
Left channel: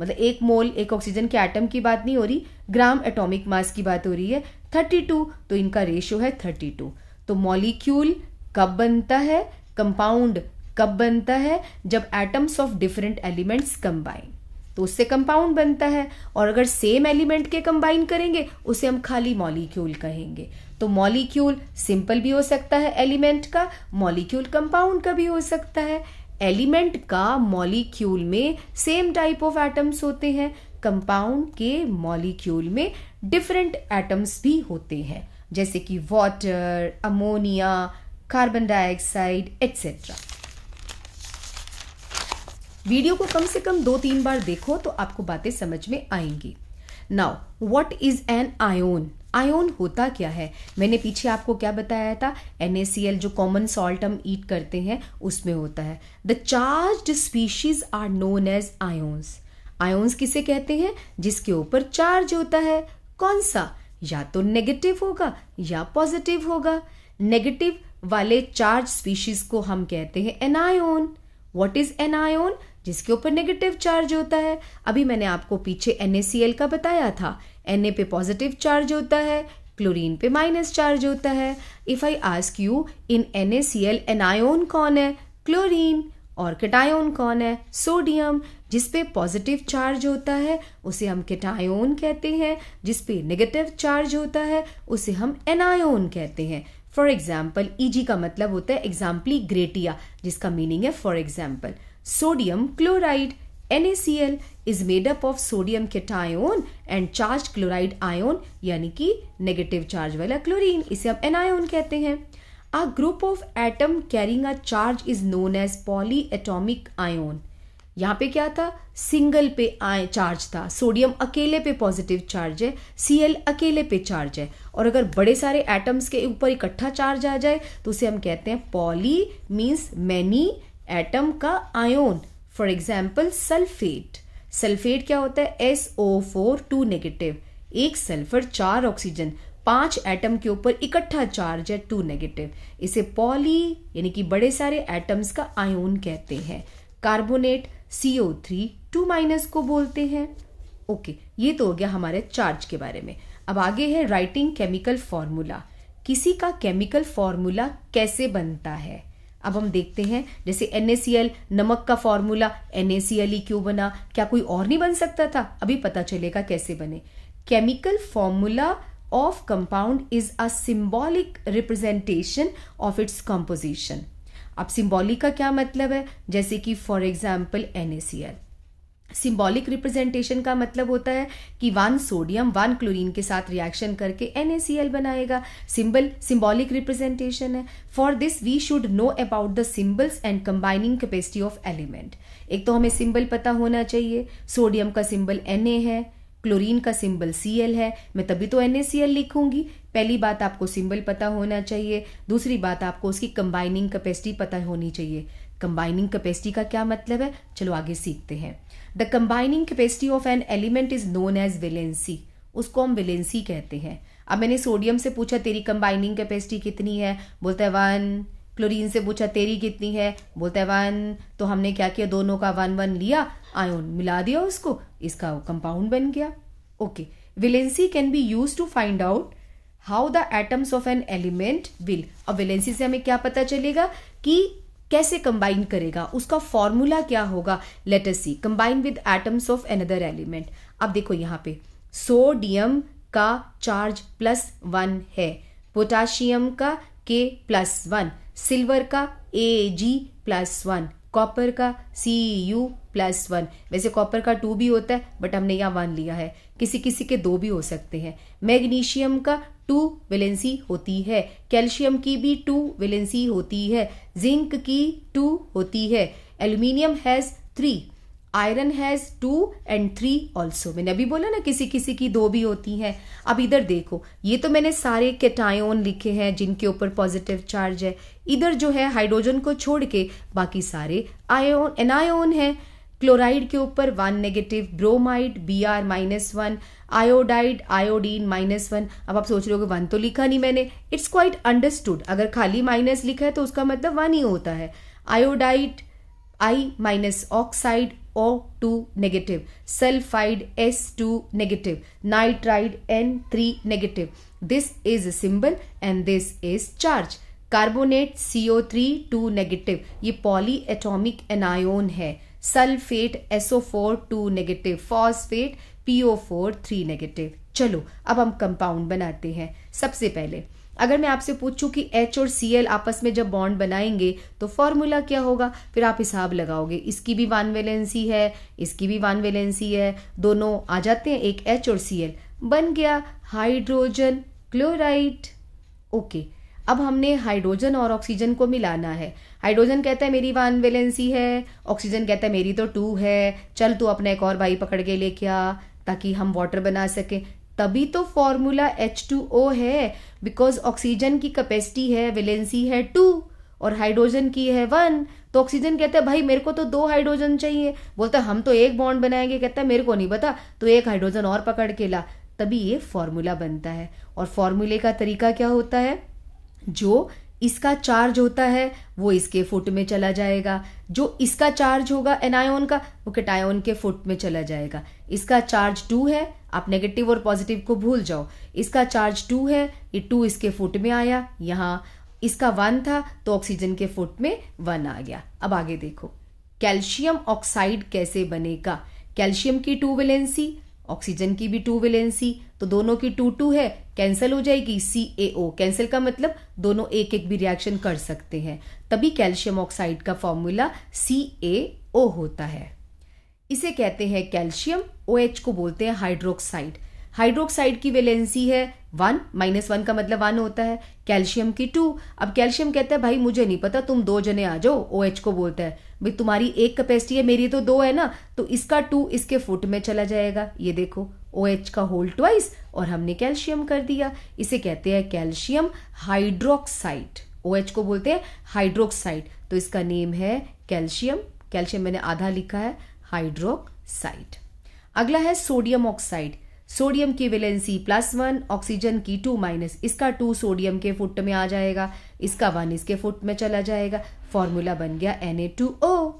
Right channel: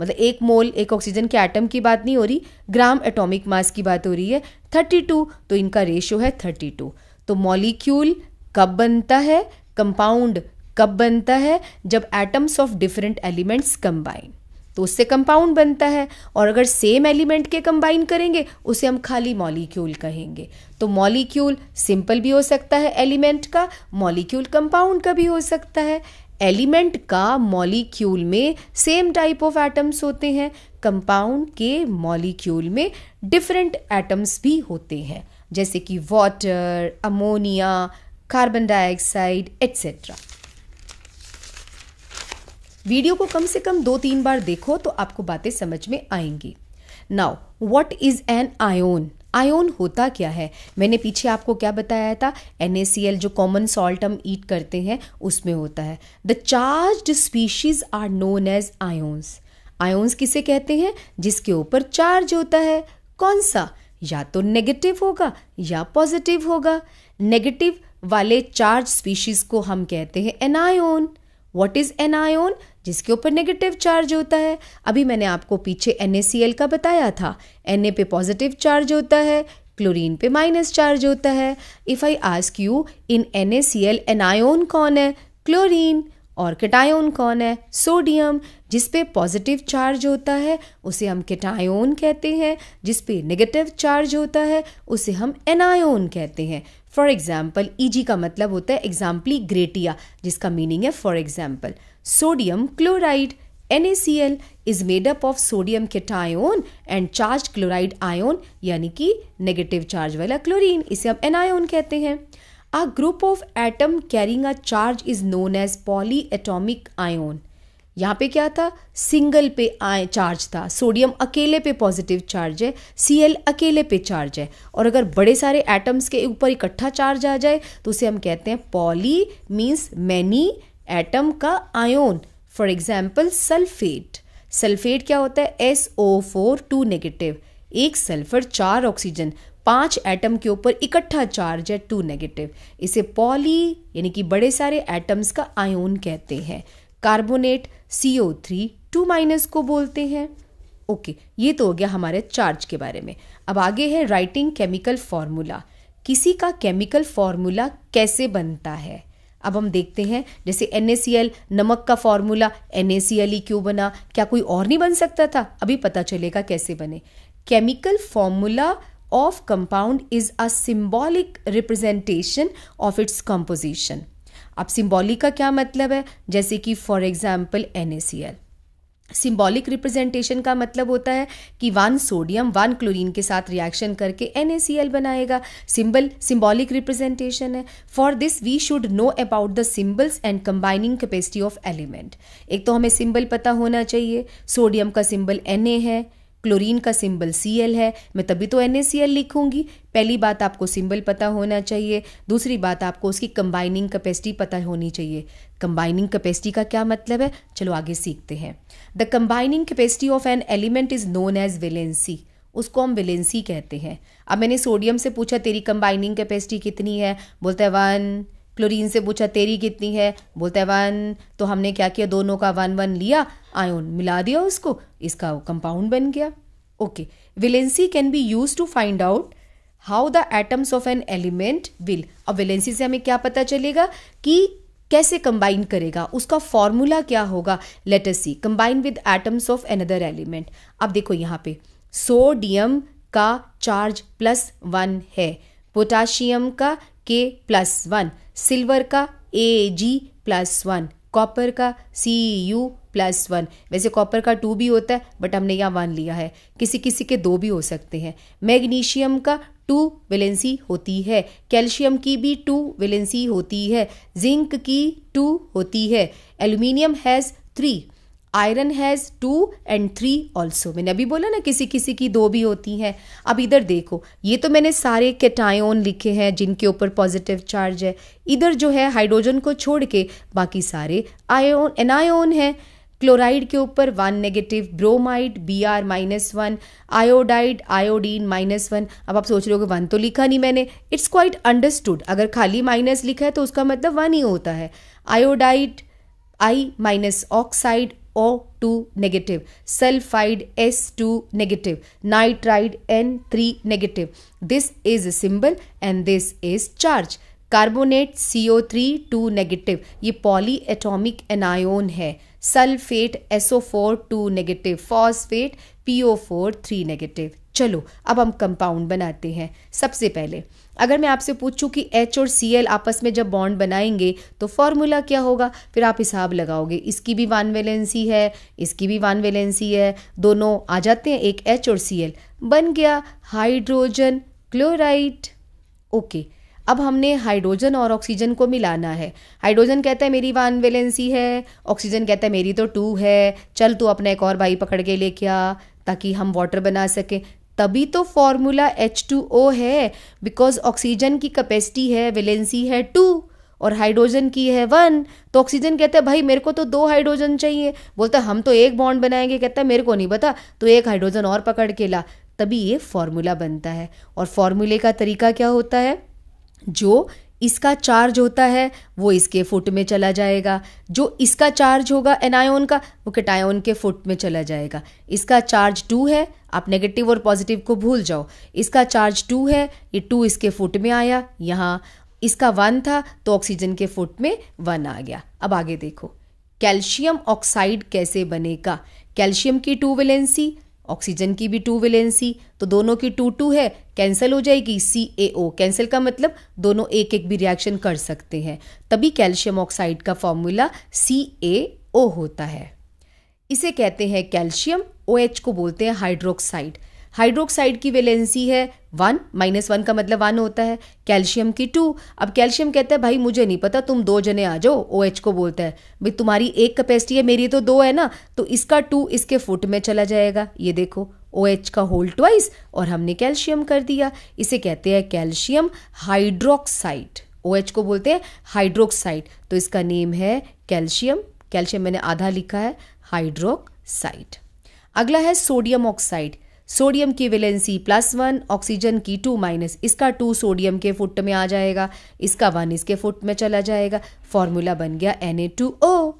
मतलब एक मोल, एक ऑक्सीजन के एटम की बात नहीं हो रही, ग्राम एटॉमिक मास की बात हो रही है 32, तो इनका रेशो है 32। तो मॉलिक्यूल कब बनता है? कंपाउंड कब बनता है? जब atoms of different elements combine, तो उससे कंपाउंड बनता है। और अगर सेम एलिमेंट के कंबाइन करेंगे उसे हम खाली मॉलिक्यूल कहेंगे। तो मॉलिक्यूल सिंपल भी हो सकता है एलिमेंट का, मॉलिक्यूल कंपाउंड का भी हो सकता है। एलिमेंट का मॉलिक्यूल में सेम टाइप ऑफ एटम्स होते हैं, कंपाउंड के मॉलिक्यूल में डिफरेंट एटम्स भी होते हैं, जैसे कि water, ammonia, carbon dioxide etcetera. Video को कम से कम 2-3 बार देखो तो आपको बातें समझ में आएंगी। Now what is an ion? Ion होता क्या है? मैंने पीछे आपको क्या बताया था? NaCl जो कॉमन सॉल्ट हम ईट करते हैं उसमें होता है। The charged species are known as ions. Ions किसे कहते हैं? जिसके ऊपर चार्ज होता है। कौन सा? या तो नेगेटिव होगा या पॉजिटिव होगा। नेगेटिव वाले चार्ज स्पीशीज को हम कहते हैं एनायोन। What is एनायोन? जिसके ऊपर नेगेटिव चार्ज होता है। अभी मैंने आपको पीछे NaCl का बताया था, Na पे पॉजिटिव चार्ज होता है, क्लोरीन पे माइनस चार्ज होता है। If I ask you in NaCl एनायोन कौन है? क्लोरीन। और कैटायोन कौन है? सोडियम। जिस पे पॉजिटिव चार्ज होता है उसे हम कैटायोन कहते हैं, जिस पे नेगेटिव चार्ज होता है उसे हम एनायोन कहते हैं। फॉर एग्जाम्पल, Eg का मतलब होता है एग्जाम्पली ग्रेटिया, जिसका मीनिंग है for example. Sodium chloride, NaCl is made up of sodium cation and charged chloride ion, यानी कि नेगेटिव चार्ज वाला क्लोरीन, इसे हम एनायोन कहते हैं। A group of atom carrying a charge is known as polyatomic ion। यहाँ पे क्या था? सिंगल पे चार्ज था, सोडियम अकेले पे पॉजिटिव चार्ज है, Cl अकेले पे चार्ज है। और अगर बड़े सारे एटम्स के ऊपर इकट्ठा चार्ज आ जाए तो उसे हम कहते हैं पॉली, मीन्स मैनी, एटम का ion. For example sulphate. Sulphate क्या होता है? SO4 2 नेगेटिव, एक सल्फर 4 ऑक्सीजन, 5 एटम के ऊपर इकट्ठा चार्ज है 2 नेगेटिव, इसे पॉली यानी कि बड़े सारे एटम्स का आयोन कहते हैं। कार्बोनेट CO3 2- को बोलते हैं। ओके, ये तो हो गया हमारे चार्ज के बारे में। अब आगे है राइटिंग केमिकल फॉर्मूला। किसी का केमिकल फॉर्मूला कैसे बनता है? अब हम देखते हैं, जैसे NaCl, नमक का फॉर्मूला NaCl ही क्यों बना? क्या कोई और नहीं बन सकता था? अभी पता चलेगा कैसे बने। Chemical formula of compound is a symbolic representation of its composition. अब सिंबॉलिक का क्या मतलब है? जैसे कि for example NaCl, symbolic representation का मतलब होता है कि 1 सोडियम 1 क्लोरीन के साथ रिएक्शन करके NaCl बनाएगा। सिंबॉलिक रिप्रेजेंटेशन है। For this we should know about the symbols and combining capacity of element. एक तो हमें सिंबल पता होना चाहिए। सोडियम का सिंबल Na है, क्लोरीन का सिंबल Cl है, मैं तभी तो NaCl लिखूंगी। पहली बात आपको सिंबल पता होना चाहिए। दूसरी बात आपको उसकी कंबाइनिंग कैपेसिटी पता होनी चाहिए। कंबाइनिंग कैपेसिटी का क्या मतलब है, चलो आगे सीखते हैं। The combining capacity of an element is known as valency. उसको हम वैलेंसी कहते हैं। अब मैंने सोडियम से पूछा तेरी कंबाइनिंग कैपेसिटी कितनी है, बोलता है 1। क्लोरीन से पूछा तेरी कितनी है, बोलता है 1। तो हमने क्या किया, दोनों का 1 1 लिया, आयोन मिला दिया उसको, इसका कंपाउंड बन गया। Okay, valency can be used to find out how the atoms of an element will. अब वैलेंसी से हमें क्या पता चलेगा कि कैसे कंबाइन करेगा, उसका फॉर्मूला क्या होगा। Let us see, combine with atoms of another element. अब देखो यहाँ पे सोडियम का चार्ज +1 है, पोटाशियम का K+1, सिल्वर का Ag+1, कॉपर का Cu+1। वैसे कॉपर का 2 भी होता है बट हमने यहाँ 1 लिया है, किसी किसी के 2 भी हो सकते हैं। मैग्नीशियम का 2 वैलेंसी होती है, कैल्शियम की भी 2 वैलेंसी होती है, जिंक की 2 होती है, aluminium has 3, iron has 2 and 3 also. मैंने अभी बोला ना किसी किसी की 2 भी होती हैं। अब इधर देखो, ये तो मैंने सारे कैटायन लिखे हैं जिनके ऊपर पॉजिटिव चार्ज है। इधर जो है हाइड्रोजन को छोड़ के बाकी सारे आयोन एनायोन है। क्लोराइड के ऊपर 1 negative, bromide Br-1, iodide iodine -1। अब आप सोच रहे हो कि 1 तो लिखा नहीं मैंने, इट्स क्वाइट अंडरस्टूड। अगर खाली माइनस लिखा है तो उसका मतलब 1 ही होता है। Iodide I- oxide O2 negative, sulphide S2 negative, nitride N3 negative. This is symbol and this is charge. Carbonate CO3 2 negative, ये पॉली एटॉमिक एनायोन है। Sulphate SO4 2 negative, phosphate PO4 3 negative. चलो अब हम कंपाउंड बनाते हैं। सबसे पहले अगर मैं आपसे पूछूं कि H और Cl आपस में जब बॉन्ड बनाएंगे तो फॉर्मूला क्या होगा, फिर आप हिसाब लगाओगे। इसकी भी 1 वैलेंसी है, इसकी भी 1 वैलेंसी है, दोनों आ जाते हैं, एक H और Cl बन गया हाइड्रोजन क्लोराइड। ओके, अब हमने हाइड्रोजन और ऑक्सीजन को मिलाना है। हाइड्रोजन कहता है मेरी 1 वैलेंसी है, ऑक्सीजन कहता है मेरी तो 2 है, चल तू अपना एक और भाई पकड़ के लेके आ ताकि हम वाटर बना सके। तभी तो फॉर्मूला H2O है, बिकॉज ऑक्सीजन की कैपेसिटी है, वैलेंसी है 2 और हाइड्रोजन की है 1। तो ऑक्सीजन कहता है भाई मेरे को तो 2 हाइड्रोजन चाहिए, बोलता है हम तो एक बॉन्ड बनाएंगे, कहता है मेरे को नहीं पता, तो एक हाइड्रोजन और पकड़ के ला। तभी ये फॉर्मूला बनता है। और फॉर्मूले का तरीका क्या होता है, जो इसका चार्ज होता है वो इसके फुट में चला जाएगा, जो इसका चार्ज होगा एनायोन का वो कैटायोन के फुट में चला जाएगा। इसका चार्ज 2 है, आप नेगेटिव और पॉजिटिव को भूल जाओ, इसका चार्ज 2 है, ये 2 इसके फुट में आया, यहाँ इसका 1 था तो ऑक्सीजन के फुट में 1 आ गया। अब आगे देखो कैल्शियम ऑक्साइड कैसे बनेगा। कैल्शियम की 2 वैलेंसी, ऑक्सीजन की भी 2 वैलेंसी, तो दोनों की 2 है, कैंसिल हो जाएगी, CaO। कैंसिल का मतलब दोनों एक एक भी रिएक्शन कर सकते हैं, तभी कैल्शियम ऑक्साइड का फॉर्मूला CaO होता है। इसे कहते हैं कैल्शियम। OH को बोलते हैं हाइड्रोक्साइड। हाइड्रोक्साइड की वैलेंसी है 1, -1 का मतलब 1 होता है, कैल्शियम की 2। अब कैल्शियम कहता है भाई मुझे नहीं पता, तुम 2 जने आ जाओ। OH को बोलता है भाई तुम्हारी एक कैपेसिटी है, मेरी तो 2 है ना, तो इसका 2 इसके फुट में चला जाएगा। ये देखो OH का होल ट्वाइस और हमने कैल्शियम कर दिया। इसे कहते हैं कैल्शियम हाइड्रोक्साइड। OH को बोलते हैं हाइड्रोक्साइड, तो इसका नेम है कैल्शियम। कैल्शियम मैंने आधा लिखा है, हाइड्रोक्साइड। अगला है सोडियम ऑक्साइड। सोडियम की वैलेंसी +1, ऑक्सीजन की 2-, इसका 2 सोडियम के फुट में आ जाएगा, इसका 1 इसके फुट में चला जाएगा, फॉर्मूला बन गया Na2O।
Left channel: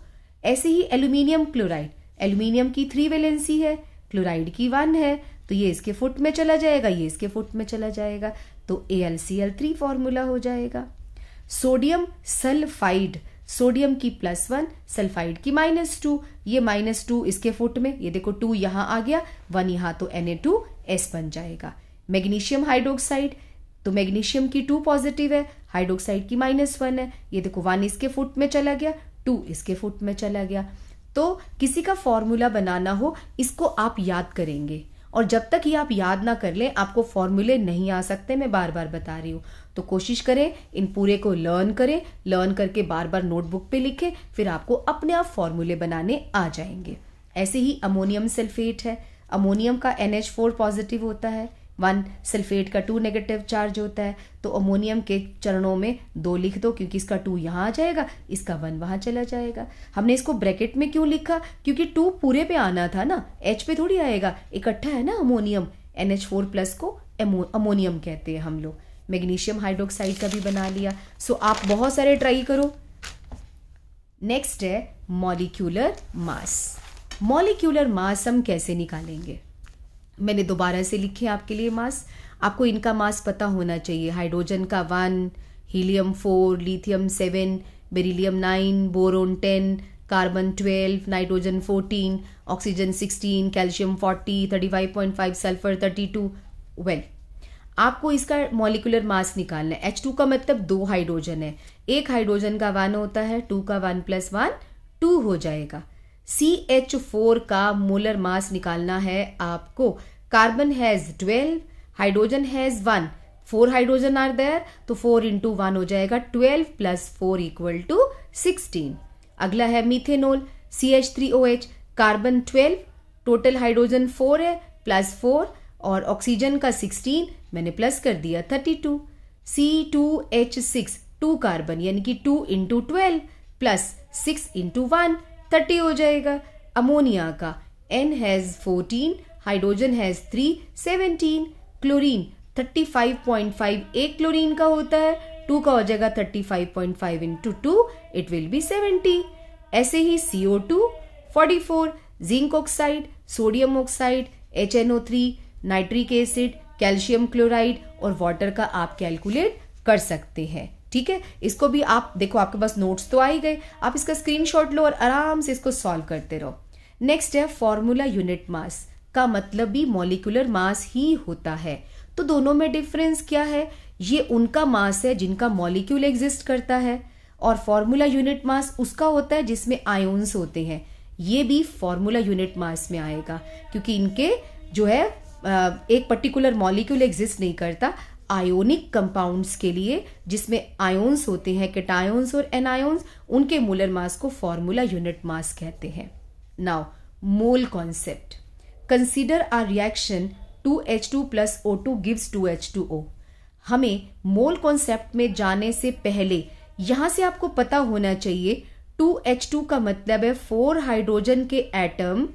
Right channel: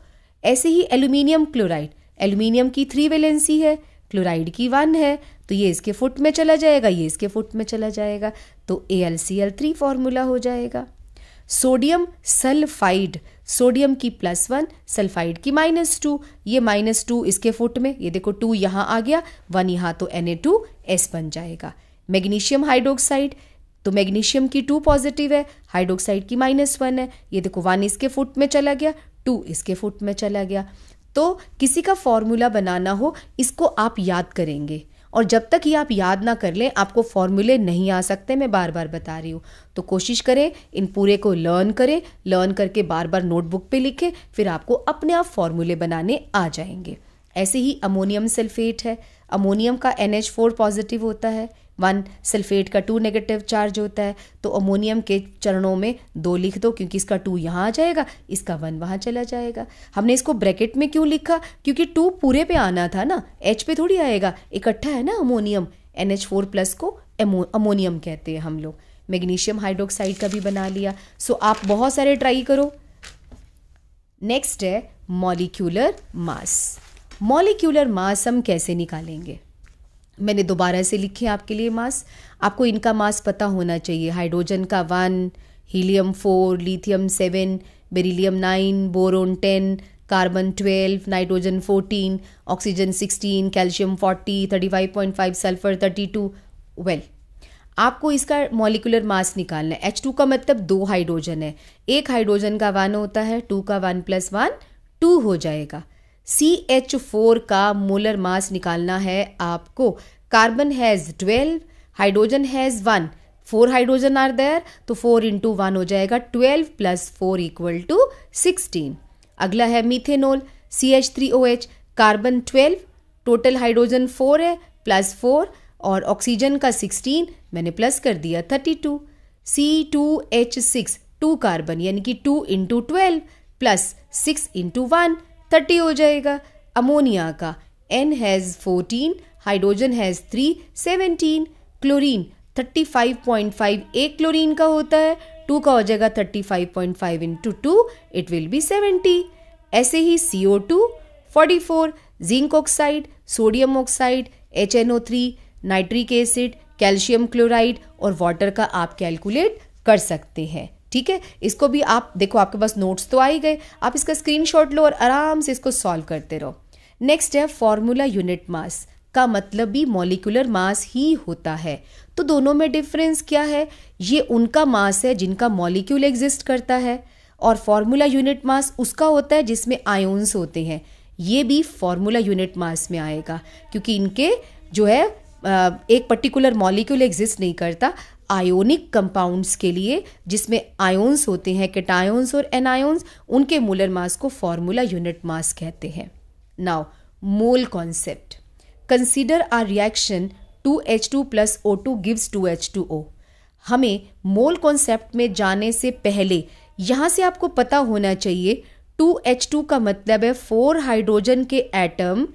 ऐसे ही एल्यूमिनियम क्लोराइड, एल्यूमिनियम की 3 वैलेंसी है, क्लोराइड की 1 है, तो ये इसके फुट में चला जाएगा, ये इसके फुट में चला जाएगा, तो AlCl3 फॉर्मूला हो जाएगा। सोडियम सल्फाइड, सोडियम की +1, सल्फाइड की -2, ये -2 इसके फुट में, ये देखो 2 यहाँ आ गया, 1 यहाँ, तो Na2S बन जाएगा। मैग्नीशियम हाइड्रोक्साइड, तो मैग्नीशियम की 2 पॉजिटिव है, हाइड्रोक्साइड की -1 है, ये देखो 1 इसके फुट में चला गया, 2 इसके फुट में चला गया। तो किसी का फॉर्मूला बनाना हो, इसको आप याद करेंगे, और जब तक ये आप याद ना कर लें आपको फॉर्मूले नहीं आ सकते। मैं बार बार बता रही हूँ, तो कोशिश करें इन पूरे को लर्न करें, लर्न करके बार बार नोटबुक पे लिखें, फिर आपको अपने आप फॉर्मूले बनाने आ जाएंगे। ऐसे ही अमोनियम सल्फेट है, अमोनियम का NH4 पॉजिटिव होता है, 1 सल्फेट का 2 नेगेटिव चार्ज होता है, तो अमोनियम के चरणों में 2 लिख दो, क्योंकि इसका 2 यहाँ आ जाएगा, इसका 1 वहाँ चला जाएगा। हमने इसको ब्रैकेट में क्यों लिखा, क्योंकि 2 पूरे पे आना था ना, H पे थोड़ी आएगा, इकट्ठा है ना अमोनियम, NH4 प्लस को अमोनियम कहते हैं हम लोग। मैग्नीशियम हाइड्रोक्साइड का भी बना लिया। सो आप बहुत सारे ट्राई करो। नेक्स्ट है मॉलिक्यूलर मास। मॉलिक्यूलर मास हम कैसे निकालेंगे, मैंने दोबारा से लिखे आपके लिए मास। आपको इनका मास पता होना चाहिए। हाइड्रोजन का 1, helium 4, lithium 7, beryllium 9, boron 10, carbon 12, nitrogen 14, oxygen 16, calcium 40, 35.5, sulphur 32। Well, आपको इसका मॉलिक्यूलर मास निकालना है। H2 का मतलब 2 हाइड्रोजन है, एक हाइड्रोजन का 1 होता है, 2 का 1 + 1 2 हो जाएगा। CH4 का मोलर मास निकालना है आपको। Carbon has 12, hydrogen has 1, 4 hydrogen are there, तो 4 × 1 हो जाएगा 12 + 4 = 16। अगला है methanol, CH3OH, carbon 12, total hydrogen 4 है, +4 और ऑक्सीजन का 16, मैंने प्लस कर दिया 32। C2H6, 2 कार्बन यानी कि 2 × 12 + 6 × 1 30 हो जाएगा। अमोनिया का N has 14, hydrogen has 3, 17। Chlorine 35.5 एक क्लोरीन का होता है, 2 का हो जाएगा 35.5 × 2, इट विल बी 70। ऐसे ही CO2 44, zinc oxide, sodium oxide, HNO3, nitric acid, calcium chloride और वाटर का आप कैलकुलेट कर सकते हैं। ठीक है, इसको भी आप देखो, आपके पास नोट्स तो आ ही गए, आप इसका स्क्रीनशॉट लो और आराम से इसको सॉल्व करते रहो। नेक्स्ट है फॉर्मूला यूनिट मास, का मतलब भी मॉलिक्यूलर मास ही होता है। तो दोनों में डिफरेंस क्या है, ये उनका मास है जिनका मॉलिक्यूल एग्जिस्ट करता है, और फॉर्मूला यूनिट मास उसका होता है जिसमें आयोन्स होते हैं। ये भी फॉर्मूला यूनिट मास में आएगा, क्योंकि इनके जो है एक पर्टिकुलर मॉलिक्यूल एग्जिस्ट नहीं करता। आयोनिक कंपाउंड्स के लिए जिसमें आयोन्स होते हैं, कैटायोन्स और एनायोन्स, उनके मोलर मास को फॉर्मूला यूनिट मास कहते हैं। Now mole concept, consider a reaction 2H2 + O2 gives 2H2O। हमें मोल कॉन्सेप्ट में जाने से पहले यहां से आपको पता होना चाहिए 2H2 का मतलब है 4 हाइड्रोजन के एटम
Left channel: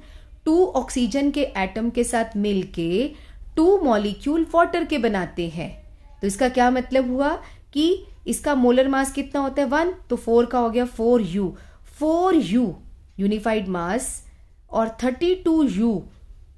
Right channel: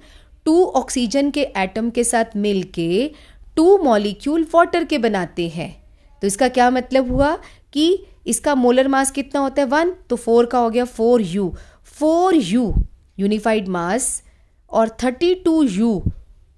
2 ऑक्सीजन के एटम के साथ मिलके 2 मॉलिक्यूल वाटर के बनाते हैं। तो इसका क्या मतलब हुआ कि इसका मोलर मास कितना होता है 1, तो 4 का हो गया 4U, 4U यूनिफाइड मास, और 32U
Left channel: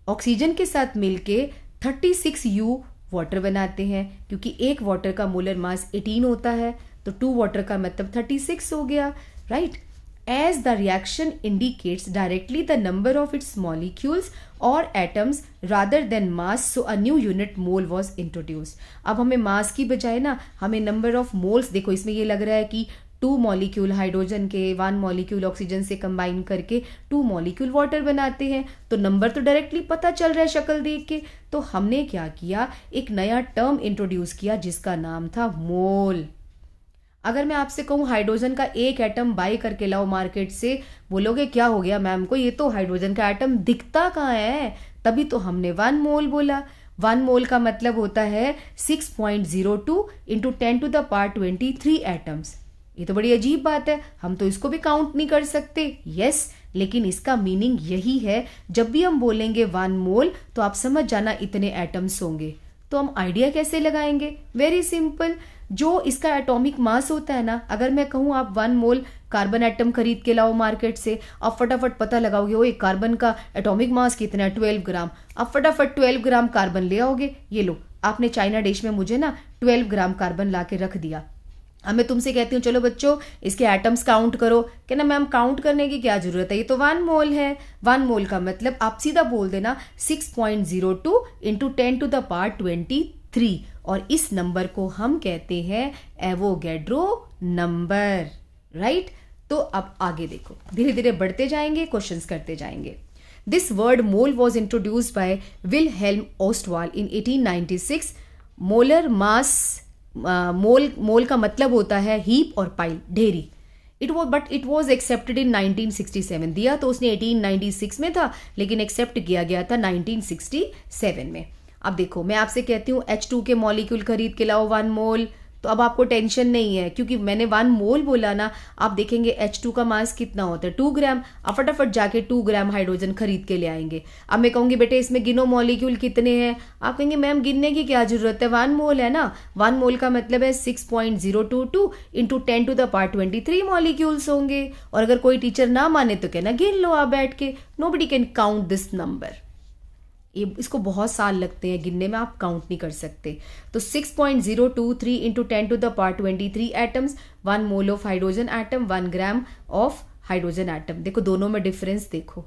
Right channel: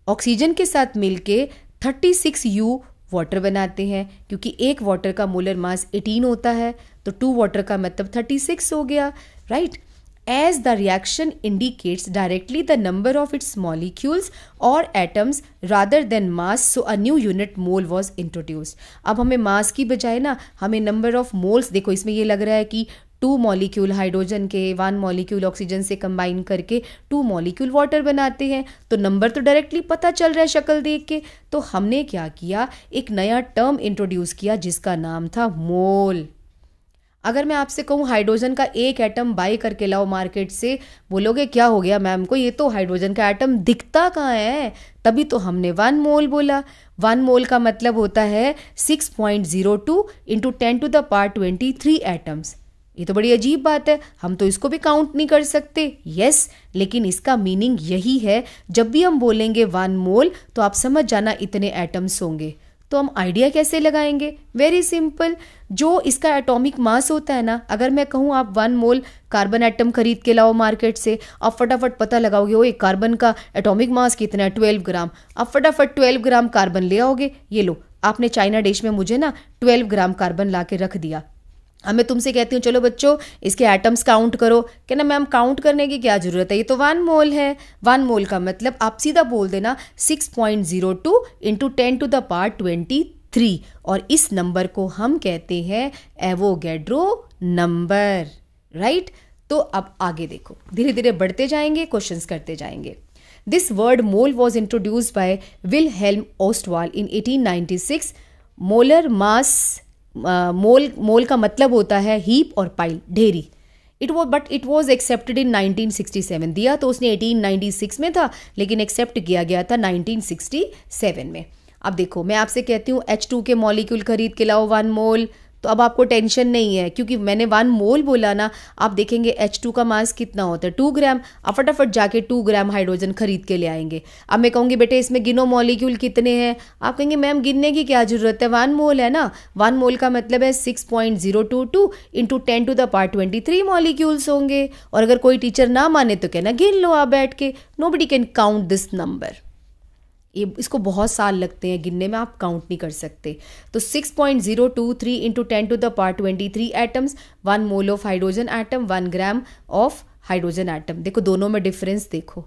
ऑक्सीजन के साथ मिलके 36U वाटर बनाते हैं, क्योंकि एक वाटर का मोलर मास 18 होता है, तो 2 वाटर का मतलब 36 हो गया, right. As the reaction indicates directly the number of its molecules or atoms rather than mass, so a new unit mole was introduced. अब हमें मास की बजाय ना हमें नंबर ऑफ मोल्स, देखो इसमें ये लग रहा है कि 2 मॉलिक्यूल हाइड्रोजन के 1 मॉलिक्यूल ऑक्सीजन से कंबाइन करके 2 मॉलिक्यूल वाटर बनाते हैं, तो नंबर तो डायरेक्टली पता चल रहा है शक्ल देख के। तो हमने क्या किया, एक नया टर्म इंट्रोड्यूस किया जिसका नाम था मोल। अगर मैं आपसे कहूँ हाइड्रोजन का एक एटम बाय करके लाओ मार्केट से, बोलोगे क्या हो गया मैम को, ये तो हाइड्रोजन का एटम दिखता कहाँ है, तभी तो हमने 1 मोल बोला। 1 मोल का मतलब होता है 6.02 × 10⁻23 एटम्स। ये तो बड़ी अजीब बात है, हम तो इसको भी काउंट नहीं कर सकते। यस, लेकिन इसका मीनिंग यही है, जब भी हम बोलेंगे 1 मोल तो आप समझ जाना इतने एटम्स होंगे। तो हम आइडिया कैसे लगाएंगे, वेरी सिंपल, जो इसका एटॉमिक मास होता है ना, अगर मैं कहूँ आप 1 मोल कार्बन एटम खरीद के लाओ मार्केट से, आप फटाफट पता लगाओगे वो एक कार्बन का एटॉमिक मास कितना है, 12 ग्राम। आप फटाफट 12 ग्राम कार्बन ले आओगे, ये लो आपने चाइना डिश में मुझे ना 12 ग्राम कार्बन ला के रख दिया। अब मैं तुमसे कहती हूँ चलो बच्चों इसके एटम्स काउंट करो, कहना मैम काउंट करने की क्या जरूरत है, ये तो 1 मोल है। 1 मोल का मतलब आप सीधा बोल देना 6.02 × 10⁻23, और इस नंबर को हम कहते हैं एवोगैड्रो नंबर, राइट। तो अब आगे देखो, धीरे धीरे बढ़ते जाएंगे, क्वेश्चंस करते जाएंगे। This word mole was introduced by Wilhelm Ostwald in 1896। Molar mass, mole का मतलब होता है हीप और पाइल, ढेरी। It was accepted in 1967। दिया तो उसने 1896 में था, लेकिन एक्सेप्ट किया गया था 1967 में। अब देखो, मैं आपसे कहती हूँ H2 के मॉलिक्यूल खरीद के लाओ 1 मोल, तो अब आपको टेंशन नहीं है, क्योंकि मैंने 1 मोल बोला ना। आप देखेंगे H2 का मास कितना होता है, 2 ग्राम। आप फटाफट जाके 2 ग्राम हाइड्रोजन खरीद के ले आएंगे। अब मैं कहूँगी बेटे इसमें गिनो मॉलिक्यूल कितने हैं, आप कहेंगे मैम गिनने की क्या जरूरत है, 1 मोल है ना। 1 मोल का मतलब है 6.022 इंटू 10⁻23 मॉलिक्यूल्स होंगे। और अगर कोई टीचर ना माने तो कहना गिन लो आप बैठ के, nobody can count this number. इसको बहुत साल लगते हैं गिनने में, आप काउंट नहीं कर सकते। तो 6.023 into 10⁻23 atoms, 1 mole of hydrogen atom, 1 gram of hydrogen atom. देखो दोनों में डिफरेंस देखो।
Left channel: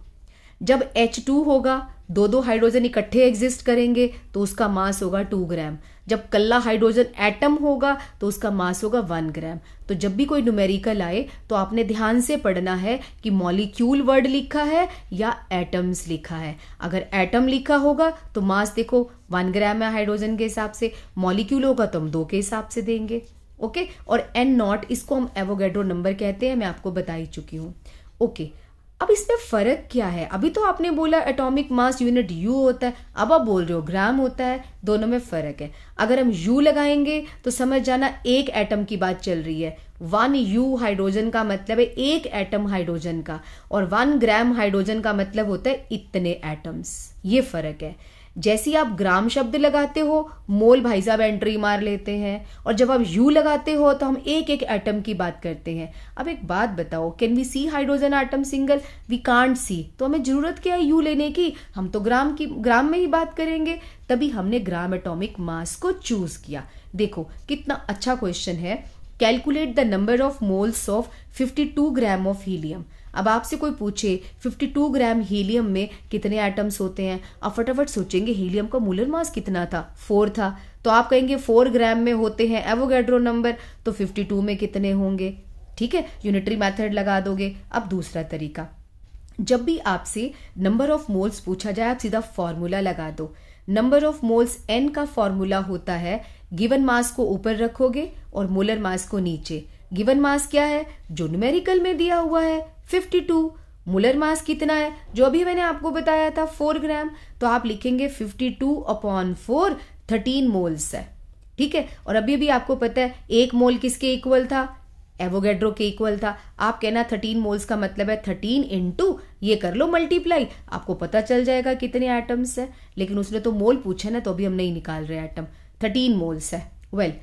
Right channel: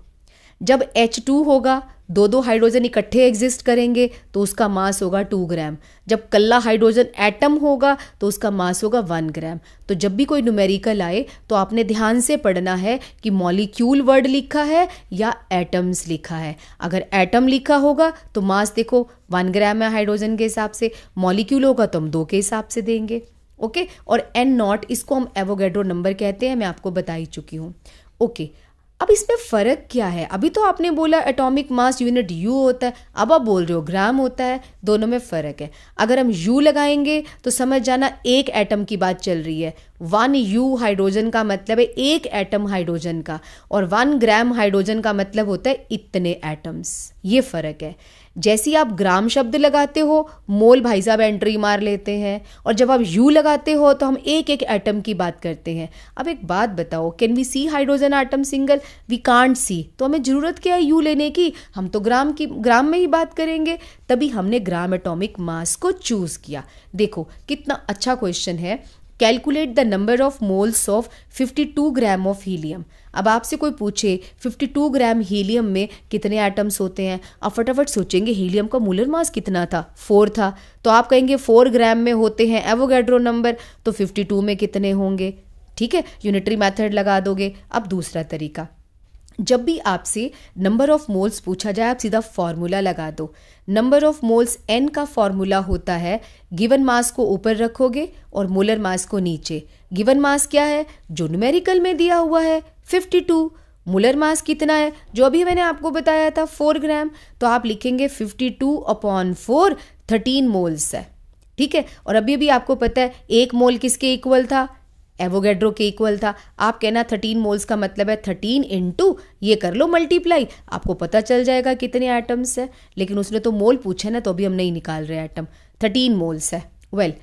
जब H2 होगा, दो हाइड्रोजन इकट्ठे एग्जिस्ट करेंगे तो उसका मास होगा 2 ग्राम। जब कल्ला हाइड्रोजन एटम होगा तो उसका मास होगा 1 ग्राम। तो जब भी कोई न्यूमेरिकल आए तो आपने ध्यान से पढ़ना है कि मॉलिक्यूल वर्ड लिखा है या एटम्स लिखा है। अगर एटम लिखा होगा तो मास देखो 1 ग्राम है हाइड्रोजन के हिसाब से, मॉलिक्यूल होगा तो हम 2 के हिसाब से देंगे। ओके, और N0 इसको हम एवोगैड्रो नंबर कहते हैं, मैं आपको बता ही चुकी हूँ। ओके, अब इसमें फर्क क्या है? अभी तो आपने बोला एटॉमिक मास यूनिट U होता है, अब आप बोल रहे हो ग्राम होता है। दोनों में फर्क है। अगर हम U लगाएंगे तो समझ जाना एक एटम की बात चल रही है। 1 U हाइड्रोजन का मतलब है एक एटम हाइड्रोजन का, और 1 ग्राम हाइड्रोजन का मतलब होता है इतने एटम्स। ये फर्क है। जैसे ही आप ग्राम शब्द लगाते हो, मोल भाई साहब एंट्री मार लेते हैं, और जब आप U लगाते हो तो हम एक एक एटम की बात करते हैं। अब एक बात बताओ, can we see hydrogen atom single? We can't see. तो हमें जरूरत क्या है U लेने की? हम तो ग्राम में ही बात करेंगे। तभी हमने ग्राम एटॉमिक मास को चूज किया। देखो कितना अच्छा क्वेश्चन है। Calculate the number of moles of 52 gram of helium. अब आपसे कोई पूछे 52 ग्राम हीलियम में कितने एटम्स होते हैं, आप फटाफट सोचेंगे हीलियम का मोलर मास कितना था, 4 था। तो आप कहेंगे 4 ग्राम में होते हैं एवोगैड्रो नंबर, तो 52 में कितने होंगे? ठीक है, यूनिटरी मेथड लगा दोगे। अब दूसरा तरीका, जब भी आपसे नंबर ऑफ मोल्स पूछा जाए आप सीधा फॉर्मूला लगा दो। नंबर ऑफ मोल्स N का फॉर्मूला होता है, गिवन मास को ऊपर रखोगे और मोलर मास को नीचे। गिवन मास क्या है? जो न्यूमेरिकल में दिया हुआ है 52। मोलर मास कितना है? जो अभी मैंने आपको बताया था 4 ग्राम। तो आप लिखेंगे 52/4, 13 मोल्स है। ठीक है, और अभी भी आपको पता है 1 मोल किसके इक्वल था? एवोगैड्रो के इक्वल था। आप कहना 13 मोल्स का मतलब है 13 इंटू ये कर लो मल्टीप्लाई, आपको पता चल जाएगा कितने एटम्स है। लेकिन उसने तो मोल पूछे ना, तो अभी हम नहीं निकाल रहे एटम। 13 मोल्स है। Well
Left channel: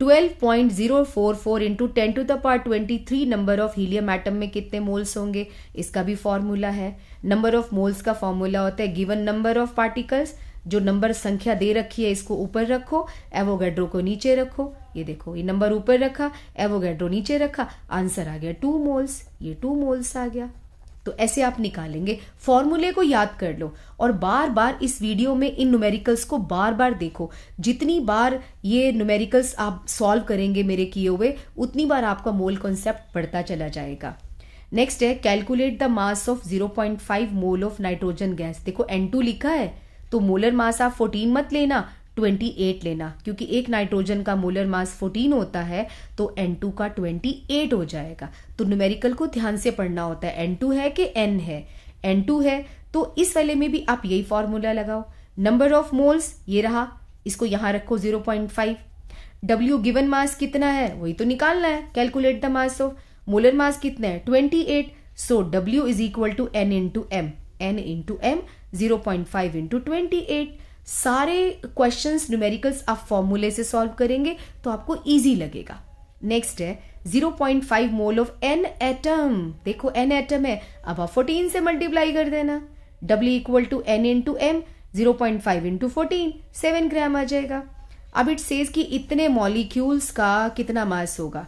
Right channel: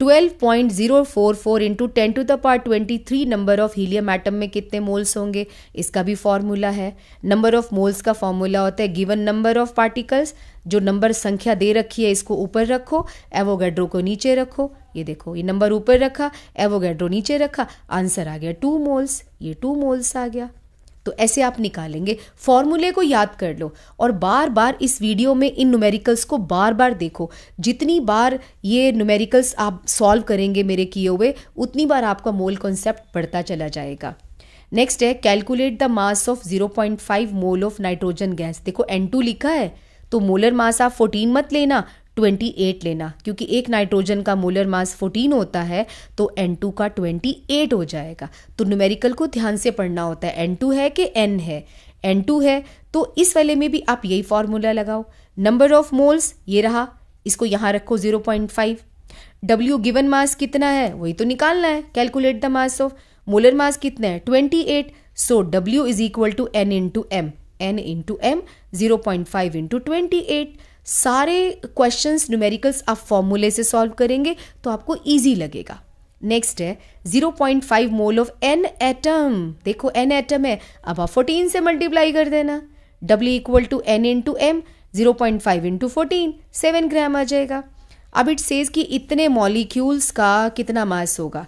12.044 into 10⁻23 number of helium atom में कितने मोल्स होंगे? इसका भी फॉर्मूला है। नंबर ऑफ मोल्स का फॉर्मूला होता है गिवन नंबर ऑफ पार्टिकल्स। जो नंबर संख्या दे रखी है इसको ऊपर रखो, एवोगैड्रो को नीचे रखो। ये देखो, ये नंबर ऊपर रखा, एवोगैड्रो नीचे रखा, आंसर आ गया 2 मोल्स। ये 2 मोल्स आ गया। तो ऐसे आप निकालेंगे। फॉर्मूले को याद कर लो और बार बार इस वीडियो में इन न्यूमेरिकल्स को बार बार देखो। जितनी बार ये न्यूमेरिकल्स आप सॉल्व करेंगे मेरे किए हुए, उतनी बार आपका मोल कॉन्सेप्ट बढ़ता चला जाएगा। नेक्स्ट है calculate the mass of 0.5 mole of nitrogen gas. देखो N2 लिखा है तो मोलर मास आप 14 मत लेना, 28 लेना, क्योंकि एक नाइट्रोजन का मोलर मास 14 होता है तो N2 का 28 हो जाएगा। तो न्यूमेरिकल को ध्यान से पढ़ना होता है, N2 है कि N है। N2 है तो इस वाले में भी आप यही फॉर्मूला लगाओ। नंबर ऑफ मोल्स ये रहा, इसको यहां रखो 0.5। W गिवन मास कितना है वही तो निकालना है। Calculate the mass of, molar mass कितना है 28। So W is equal to N into M, N into M 0.5 into 28। सारे क्वेश्चंस न्यूमेरिकल्स आप फॉर्मूले से सॉल्व करेंगे तो आपको इजी लगेगा। नेक्स्ट है 0.5 मोल ऑफ N एटम। देखो N एटम है, अब आप 14 से मल्टीप्लाई कर देना। W equal to N into M, 0.5 into 14, 7 gram आ जाएगा। अब इट सेज कि इतने मॉलिक्यूल्स का कितना मास होगा।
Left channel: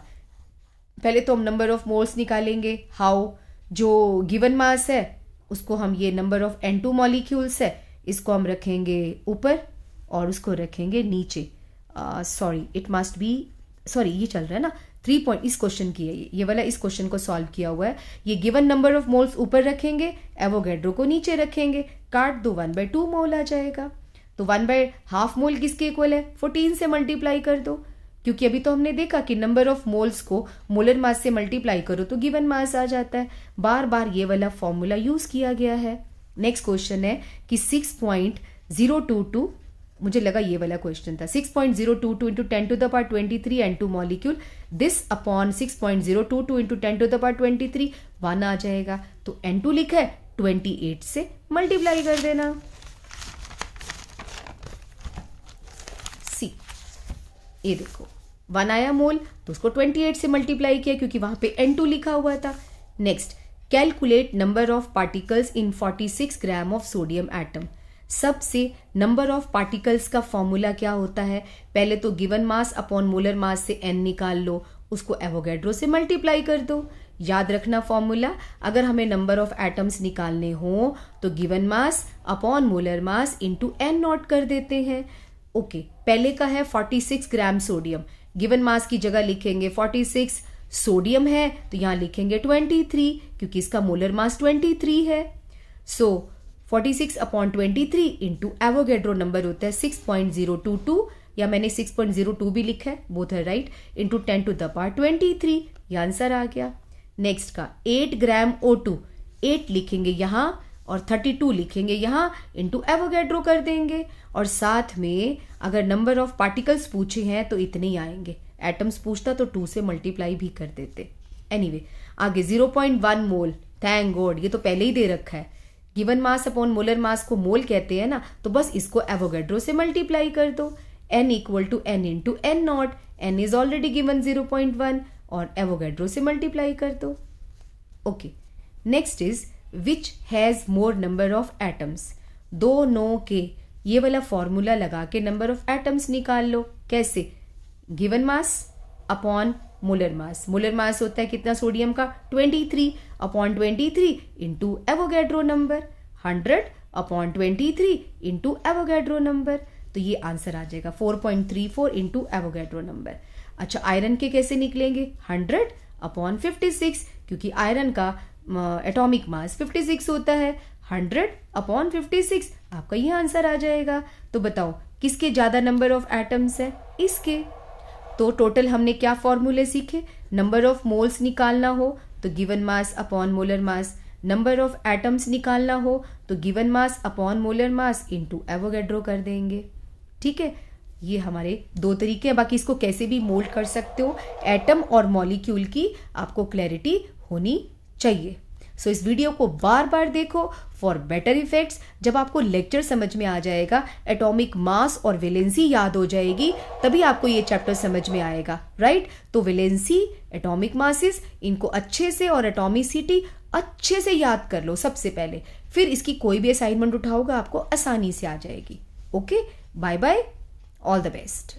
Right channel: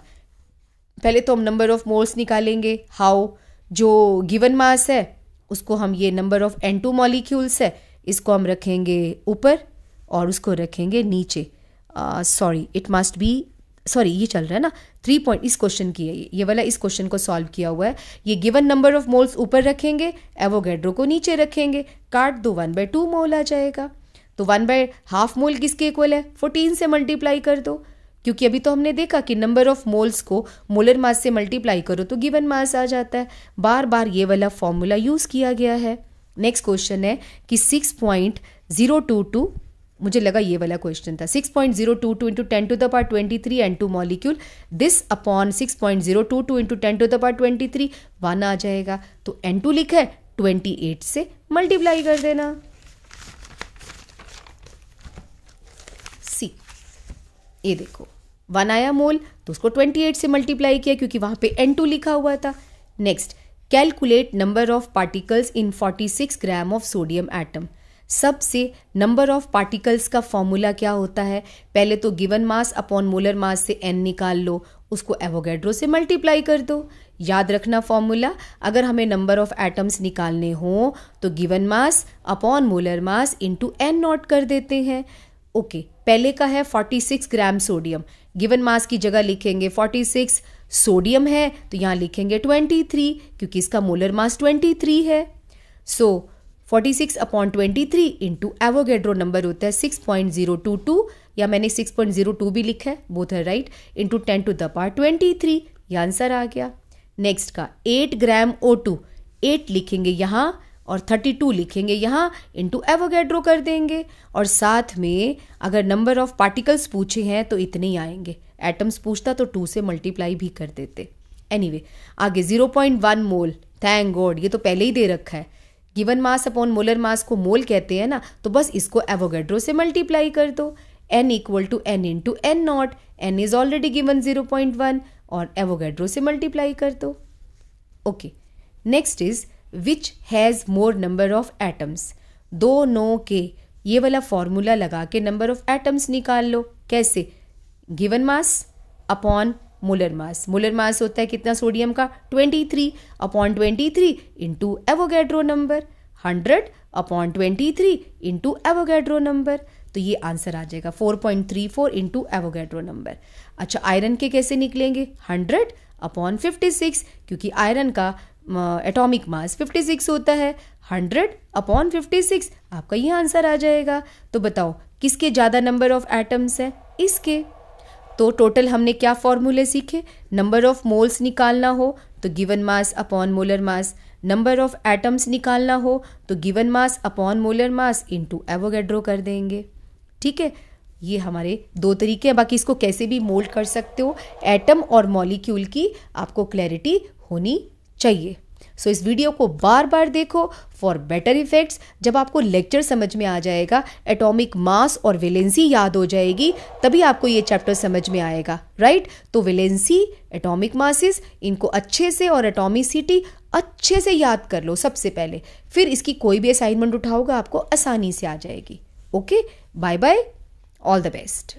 पहले तो हम नंबर ऑफ मोल्स निकालेंगे। हाउ? जो गिवन मास है उसको हम, ये नंबर ऑफ N2 मॉलिक्यूल्स है, इसको हम रखेंगे ऊपर और उसको रखेंगे नीचे। Sorry, it must be sorry ये चल रहा है ना 3 पॉइंट इस क्वेश्चन की है, ये वाला इस क्वेश्चन को सॉल्व किया हुआ है। ये गिवन नंबर ऑफ मोल्स ऊपर रखेंगे, एवोगैड्रो को नीचे रखेंगे, काट दो 1/2 मोल आ जाएगा। तो 1/2 मोल किसके इक्वल है, 14 से मल्टीप्लाई कर दो, क्योंकि अभी तो हमने देखा कि नंबर ऑफ मोल्स को मोलर मास से मल्टीप्लाई करो तो गिवन मास आ जाता है। बार बार ये वाला फॉर्मूला यूज किया गया है। नेक्स्ट क्वेश्चन है कि 6.022, मुझे लगा ये वाला क्वेश्चन था, 6.022 into 10⁻23 N2 molecule, this upon 6.022 into 10⁻23 1 आ जाएगा। तो N2 लिखा है, 28 से मल्टीप्लाई कर देना। सी, ये देखो 1 आया मोल तो उसको 28 से मल्टीप्लाई किया क्योंकि वहां पे N2 लिखा हुआ था। Next, calculate number of particles in 46 gram of sodium atom. सबसे नंबर ऑफ पार्टिकल्स का फॉर्मूला क्या होता है, पहले तो given mass upon molar mass से n निकाल लो, उसको एवोगैड्रो से मल्टीप्लाई कर दो। याद रखना फॉर्मूला, अगर हमें नंबर ऑफ एटम्स निकालने हो तो given mass upon molar mass into n not कर देते हैं। ओके, पहले का है 46 ग्राम सोडियम, गिवन मास की जगह लिखेंगे 46, सोडियम है तो यहां लिखेंगे 23 क्योंकि इसका मोलर मास 23 है। सो 46 अपॉन 23 इंटू एवोगैड्रो नंबर होता है 6.022, या मैंने 6.02 भी लिखा है, बोथ है राइट, इंटू 10⁻23, ये आंसर आ गया। नेक्स्ट का 8 ग्राम O2, 8 लिखेंगे यहां और 32 लिखेंगे यहां, इंटू एवोगैड्रो कर देंगे। और साथ में अगर नंबर ऑफ पार्टिकल्स पूछे हैं तो इतने ही आएंगे, एटम्स पूछता तो 2 से मल्टीप्लाई भी कर देते। एनीवे, आगे 0.1 मोल, थैंक गॉड ये तो पहले ही दे रखा है। Given mass upon molar mass को मोल कहते हैं ना, तो बस इसको एवोगैड्रो से मल्टीप्लाई कर दो। n equal to n into n naught, n is already given 0.1 और एवोगैड्रो से मल्टीप्लाई कर दो। Okay, next is which has more number of atoms. 2 9 के ये वाला फॉर्मूला लगा के नंबर ऑफ एटम्स निकाल लो। कैसे, given mass upon molar mass, molar mass होता है कितना सोडियम का 23 upon 23 into Avogadro number, 100 upon 23 into Avogadro number, तो ये आंसर आ जाएगा 4.34 इंटू एवोगैड्रो नंबर। अच्छा, आयरन के कैसे निकलेंगे, 100 अपॉन 56 क्योंकि आयरन का एटॉमिक मास 56 होता है, 100 अपॉन 56 आपका ये आंसर आ जाएगा। तो बताओ किसके ज्यादा नंबर ऑफ एटम्स है, इसके। तो टोटल हमने क्या फॉर्मूले सीखे, नंबर ऑफ मोल्स निकालना हो तो given mass upon molar mass, number of atoms निकालना हो तो given mass upon molar mass into Avogadro कर देंगे। ठीक है, ये हमारे 2 तरीके हैं, बाकी इसको कैसे भी मोल्ड कर सकते हो। एटम और मॉलिक्यूल की आपको क्लैरिटी होनी चाहिए। सो इस वीडियो को बार बार देखो फॉर बेटर इफेक्ट्स। जब आपको लेक्चर समझ में आ जाएगा, एटॉमिक मास और वैलेंसी याद हो जाएगी, तभी आपको ये चैप्टर समझ में आएगा, राइट। तो वैलेंसी, एटॉमिक मासेस, इनको अच्छे से और एटॉमिसिटी अच्छे से याद कर लो सबसे पहले, फिर इसकी कोई भी असाइनमेंट उठाओगे आपको आसानी से आ जाएगी। Okay, bye bye, all the best.